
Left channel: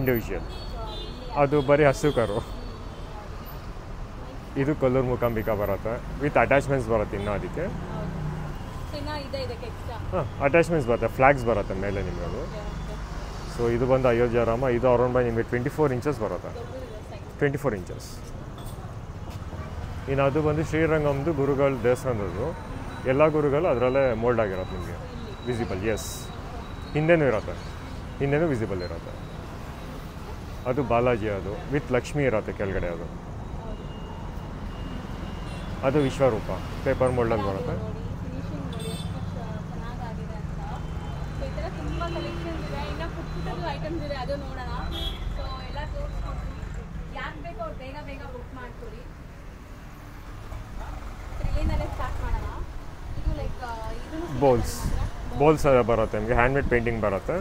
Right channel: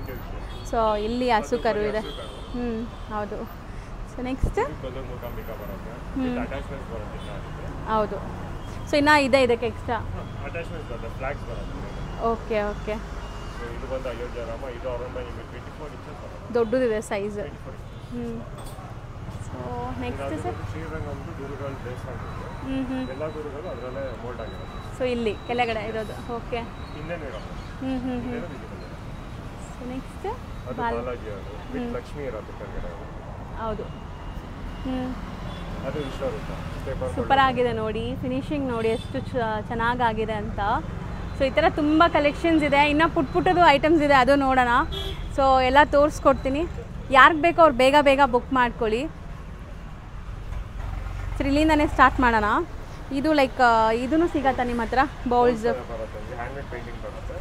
ಇಂಡಿವಿಜುವಲ್. ಸೊ ಇಲ್ಲಿ ಅದು ಬರೀ ಹಸುಕರು. ಹೌದು. ಸೊ ನೆಕ್ಸ್ಟ್ ಇದು ಕೊಲ್ಲೂರು ಮೂಕಾಂಬಿಕಾ ಬರುತ್ತೆ. ವಿತ್ ಅಟ್ಯಾಚ್ಮೆಂಟ್ಸ್ ಬರುತ್ತೆ ಇನ್ನು ಅದಕ್ಕೆ. ಹೌದು. ಸೊ ಇನ್ನ ಇದೆ ಇದಕ್ಕೆ ಎಕ್ಸ್ಟ್ರಾ ಅಟ್ಯಾಚ್ಮೆಂಟ್ಸ್ ಬರುತ್ತೆ, ಫ್ಲಾಗ್ಸ್ ಬರುತ್ತೆ ಮೇಲೆ ನಿಮಗೆ. Okay okay. ಸೊ ಇದು ಬಂದು ಅಯೋಧ್ಯ ರಾಮ. ಇದು ಅರೌಂಡ್ ಬೈ ನಿಮಗೆ 24 ಇಂಚಸ್ ಬರುತ್ತೆ. ದೊಡ್ಡದಿದೆ ಸೈಜ್, 24 ಇಂಚಸ್. ಇನ್ನು ಅದು ಬಂದು ಶ್ರೀರಂಗಮ್ದು ಗುರುಗಳ ದೇವಸ್ಥಾನದ್ದು. ಎಲ್ಲ ಗುರುಗಳು ಅದರಲ್ಲೇ ಮೋಲ್ಡ್ ಆಗಿರುತ್ತೆ ನಿಮಗೆ. ಸೊ ಇಲ್ಲಿ ಕೆಳಗಡೆ ಇರೋದು. ಓಕೆ. ಹಿಂದೆನೂ ಇರುತ್ತೆ, ಹಿಂದೆನೂ ವಿಸಿಬಲ್ ಇರುತ್ತೆ. ನೆಕ್ಸ್ಟ್ ಅದು ಬಾಲಾಜಿ, ಅದು ವಿತ್ ಲಕ್ಷ್ಮಿ ಇರುತ್ತೆ ಕೆಳಗಡೆ. ಅದು ಹೌದು. ಅದು ವಿಶ್ವರೂಪ ಪೇಪರ್ ಮೋಲ್ಡ್. ಸೂಪರ್ ಆಗಿದೆ ನೋಡಿ, ಫಿನಿಶಿಂಗ್ ನೋಡಿ ಎಷ್ಟು ಚೆನ್ನಾಗಾಗಿದೆ ಅಂತ. ಸೊ ಈ ಥರ ತುಂಬ ಕಲೆಕ್ಷನ್ಸ್ ಇದೆ. ಇನ್ನು ಪುಟ್ಟದು ಐಟಮ್ಸ್ ಇದೆ, ಅದು ನೋಡೋಣ. ಸೊ ಎಲ್ಲ ತೋರಿಸ್ಕೊಡ್ತೀನಿ. ಯಾರಿಗೆ ಬೇಕೋ ಅವ್ರು ಬೇಗ ಬೇಗ ಬುಕ್ ಮಾಡ್ಕೊಳ್ಳಿ. ಸೊ ಇಲ್ಲಿಂದನೇ ಸ್ಟಾರ್ಟ್ ಮಾಡೋಣ. ಇದು ಲೈಕ್ ಇದನ್ನು ಸಿಗತ್ತಾ ನಿಮ್ಮ ಹತ್ರ? ಬೌಲ್ಸ್ ಬರುತ್ತೆ ನಿಮಗೆ, ಹ್ಯಾಂಡ್ ಮೇಡ್ ಪೇಂಟಿಂಗ್ ಬರುತ್ತೆ.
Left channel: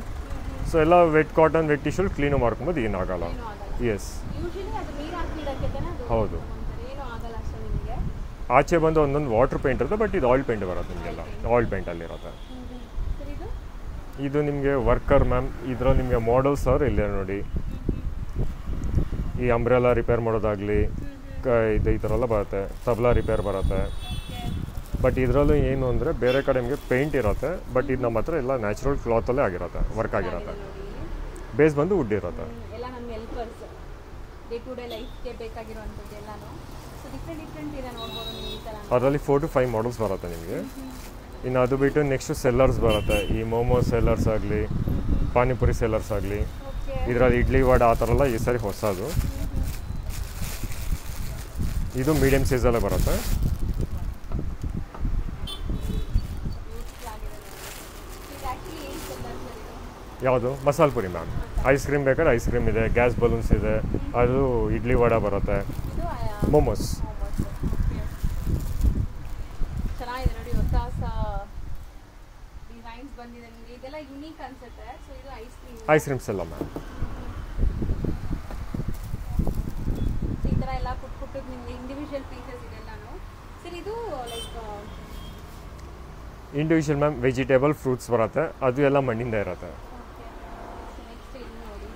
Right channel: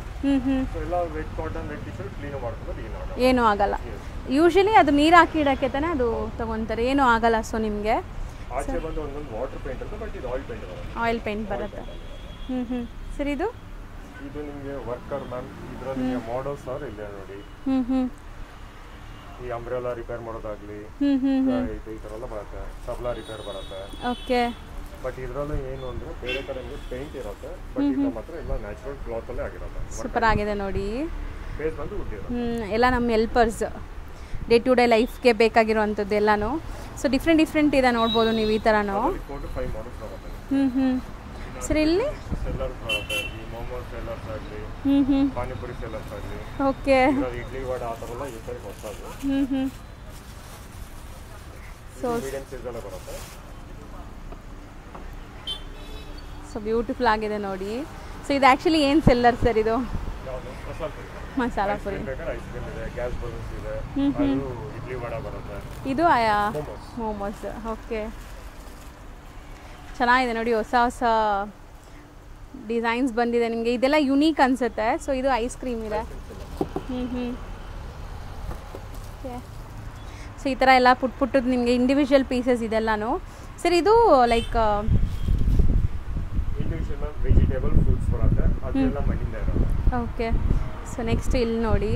ಸೊ ಎಲ್ಲ wet cotton, wet tissue clean ಮಾಡ್ಕೊಂಡು ಏನೂ ಆಗಲ್ಲ. ಯೂಶಲಿ ಅದು ನೀರು ಹಾಕಿ ಇಡಕ್ಕೆ ತಾನೆ ಅದು ತಗೊಂತಾರೆ, ಏನೂ ಆಗಲ್ಲ. ಸೊ ನಿಮಗೆ ಆಚೆ ಬಂದು ಒಂದೊಂದು ವಾಟರ್ ಪೇಂಟ್ ಇರುತ್ತೆ, ಬಟ್ ಇದು ಆಯಿಲ್ ಪೇಂಟ್ ಬರುತ್ತೆ. ಆಯಿಲ್ ಪೇಂಟ್ ಅಲ್ಲಿ ಇರುತ್ತೆ. ಸರಿ. ಇದು ನಿಮಗೆ ವರ್ಕರ್ ಮ್ಯಾಮ್. ಇದರಲ್ಲಿ ನಿಮಗೆ ಮಾಡೆಲ್ಸ್ ಅವ್ರು ಇಲ್ಲೇ ನೋಡಿ. ಈ ಅಂಬ್ರೆಲಾ ರಿಪೇರ್ ಮಾಡೋದಾಗ್ಲಿ, ಈ ಥರ ಎಲ್ಲ ಬರುತ್ತೆ. ತಬ್ಲಾ ರಿಪೇರ್ ಬರುತ್ತೆ. ಓಕೆ. ಬಟ್ ಇದರಲ್ಲೂ ಏನು ಅಂದರೆ ಬೇರೆ ಕಡೆ ನಿಮಗೆ ಪೇಂಟ್ ಇರುತ್ತೆ, ಬಟ್ ಇದು ನಮ್ಮ ಹತ್ರ ಎಲ್ಲ ನ್ಯಾಚುರಲ್ ಕ್ಲಾತ್ ಅಲ್ಲೇ ಆಗಿರುತ್ತೆ. ವರ್ಕ್ ಆಗಿದೆ ನೋಡಿ. ಬೇಸ್ ಬಂದು ವುಡ್ ಇರುತ್ತೆ. ಎಲ್ಲ ನಮ್ಮ ಹೆಲ್ಪರ್ಸ್ ಡೇ ಟು ಡೇ ಲೈಫ್ಗೆ ಬೇಕಾಗಿರುವಂಥದ್ದು ಎಲ್ಲಾನು. ಸೊ ಡಿಫ್ರೆಂಟ್ ಇದೆ ನೋಡ್ಬೋದು ನೀವು ಈ ಥರ. ಅದರಲ್ಲಿ 4 to 5 ಮಾಡಲ್ಸ್ ಬರುತ್ತೆ ನಿಮಗೆ. ಇನ್ನು ಅದು ಬಿಟ್ಟು ನೆಕ್ಸ್ಟ್ ಸೆಲ್ಲರ್ಸ್ ಬರುತ್ತೆ. ಈ ಮೋಮೋ ಸೆಲ್ಲರ್ಸ್ ಆಗಲಿ, ಪಾನಿಪುರಿ ಸೆಲ್ಲರ್ಸ್ ಆಗಲಿ, ಇದರಲ್ಲಿ ಇಡ್ಲಿ ವಡ ಆ ಥರ ಎಲ್ಲ ಈ ಸರಿ ಹೊಸದು. ಇದು ಮೀಡಿಯಂ ಸೈಜಲ್ಲೇ ಬರುತ್ತೆ. ಸೊ ಬ್ಯೂಟಿಫುಲ್ ಆಗಿದೆ ನೋಡಿ. ಸೊ ಇದು ಆ್ಯಕ್ಚುಲಿ ಏನು ಸೆಲ್ಲರ್ ಸರ್ ಇದು? ಯಾವುದು? Masala Puri ma'am. Ice cream ಬೇಕಾದ್ರೆ ಐಸ್ ಕ್ರೀಮ್ ಇದೆ, ಗ್ಯಾಸ್ ಬಲೂನ್ಸ್ ಇದೆ, ಅದು ಇಡ್ಲಿ ವಡ ಬರುತ್ತೆ. ಇದು ಮೋಮೋಸ್. ಓಕೆ. ಚೆನ್ನಾಗಿದೆ ನೋಡಿ, ಹೊಸ ಹೊಸ ಡಿಸೈನ್ಸ್ ಬಂದಿದೆ ನಿಮಗೆ. ಇದೆಲ್ಲ ಯುನೀಕ್ ಅನ್ಸುತ್ತೆ. ಸೊ ಇದು ಐಸ್ ಕ್ರೀಮ್ಸ್ ಎಲ್ಲ ಮ್ಯಾಮ್. ಸೊ ಈ ಥರ ಎಲ್ಲ ಪುಟ್ಟದ್ದು ನಿಮಗೆ ಇಂಡಿವಿಜುವಲ್ ಪೀಸಸ್ ಇದೆಲ್ಲನೂ. ಸರ್ ಇದು like individual ma'am. Vegetable fruits ಬರುತ್ತೆ, ಅದು ಎಲ್ಲ ಮಣ್ಣಿಂದ ಇರುತ್ತೆ. ಓಕೆ. ಸೊ ನೆಕ್ಸ್ಟ್ ಇಲ್ಲಿ ನೋಡಿ,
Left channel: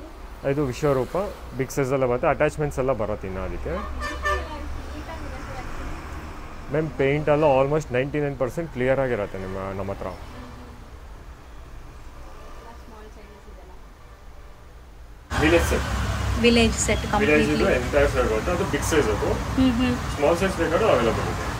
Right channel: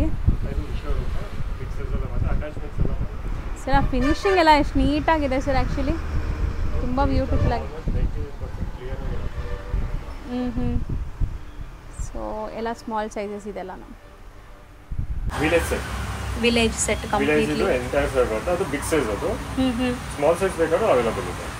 ಇದು ವಿಶ್ವರೂಪ ಬಿಗ್ ಸೈಜ್ ಎಲ್ಲ ಬರುತ್ತೆ. ಅಟ್ಯಾಚ್ಮೆಂಟ್ಸ್ ಎಲ್ಲ ಬರುತ್ತೆ ಇನ್ನು ಅದಕ್ಕೆ. ಸರ್ ಫಿನಿಶಿಂಗ್ ಎಲ್ಲ ಎಷ್ಟು ನೀಟಾಗಿದೆ ಸರ್. ಆ್ಯಕ್ಚುಲಿ ಮ್ಯಾಮ್ ಪೇಂಟ್ ಎಲ್ಲ ಆಲ್ಮೋಸ್ಟ್ 99% ಕ್ಲಿಯರ್ ಆಗಿರುತ್ತೆ ನಮ್ಮ ಹತ್ರ. ಸೊ ಎಲ್ಲ ಸ್ಮಾಲ್ ಸೈಜಸ್ ಇದೆಲ್ಲ. Village set completely entire set ಬರುತ್ತೆ. ಅದು ಬಿಗ್ ಸೈಜ್. ಅದು ಸ್ಮಾಲ್ ಸೈಜ್ ಬೇಕಾದ್ರೆ ಅವೈಲೇಬಲ್ ಇದೆ.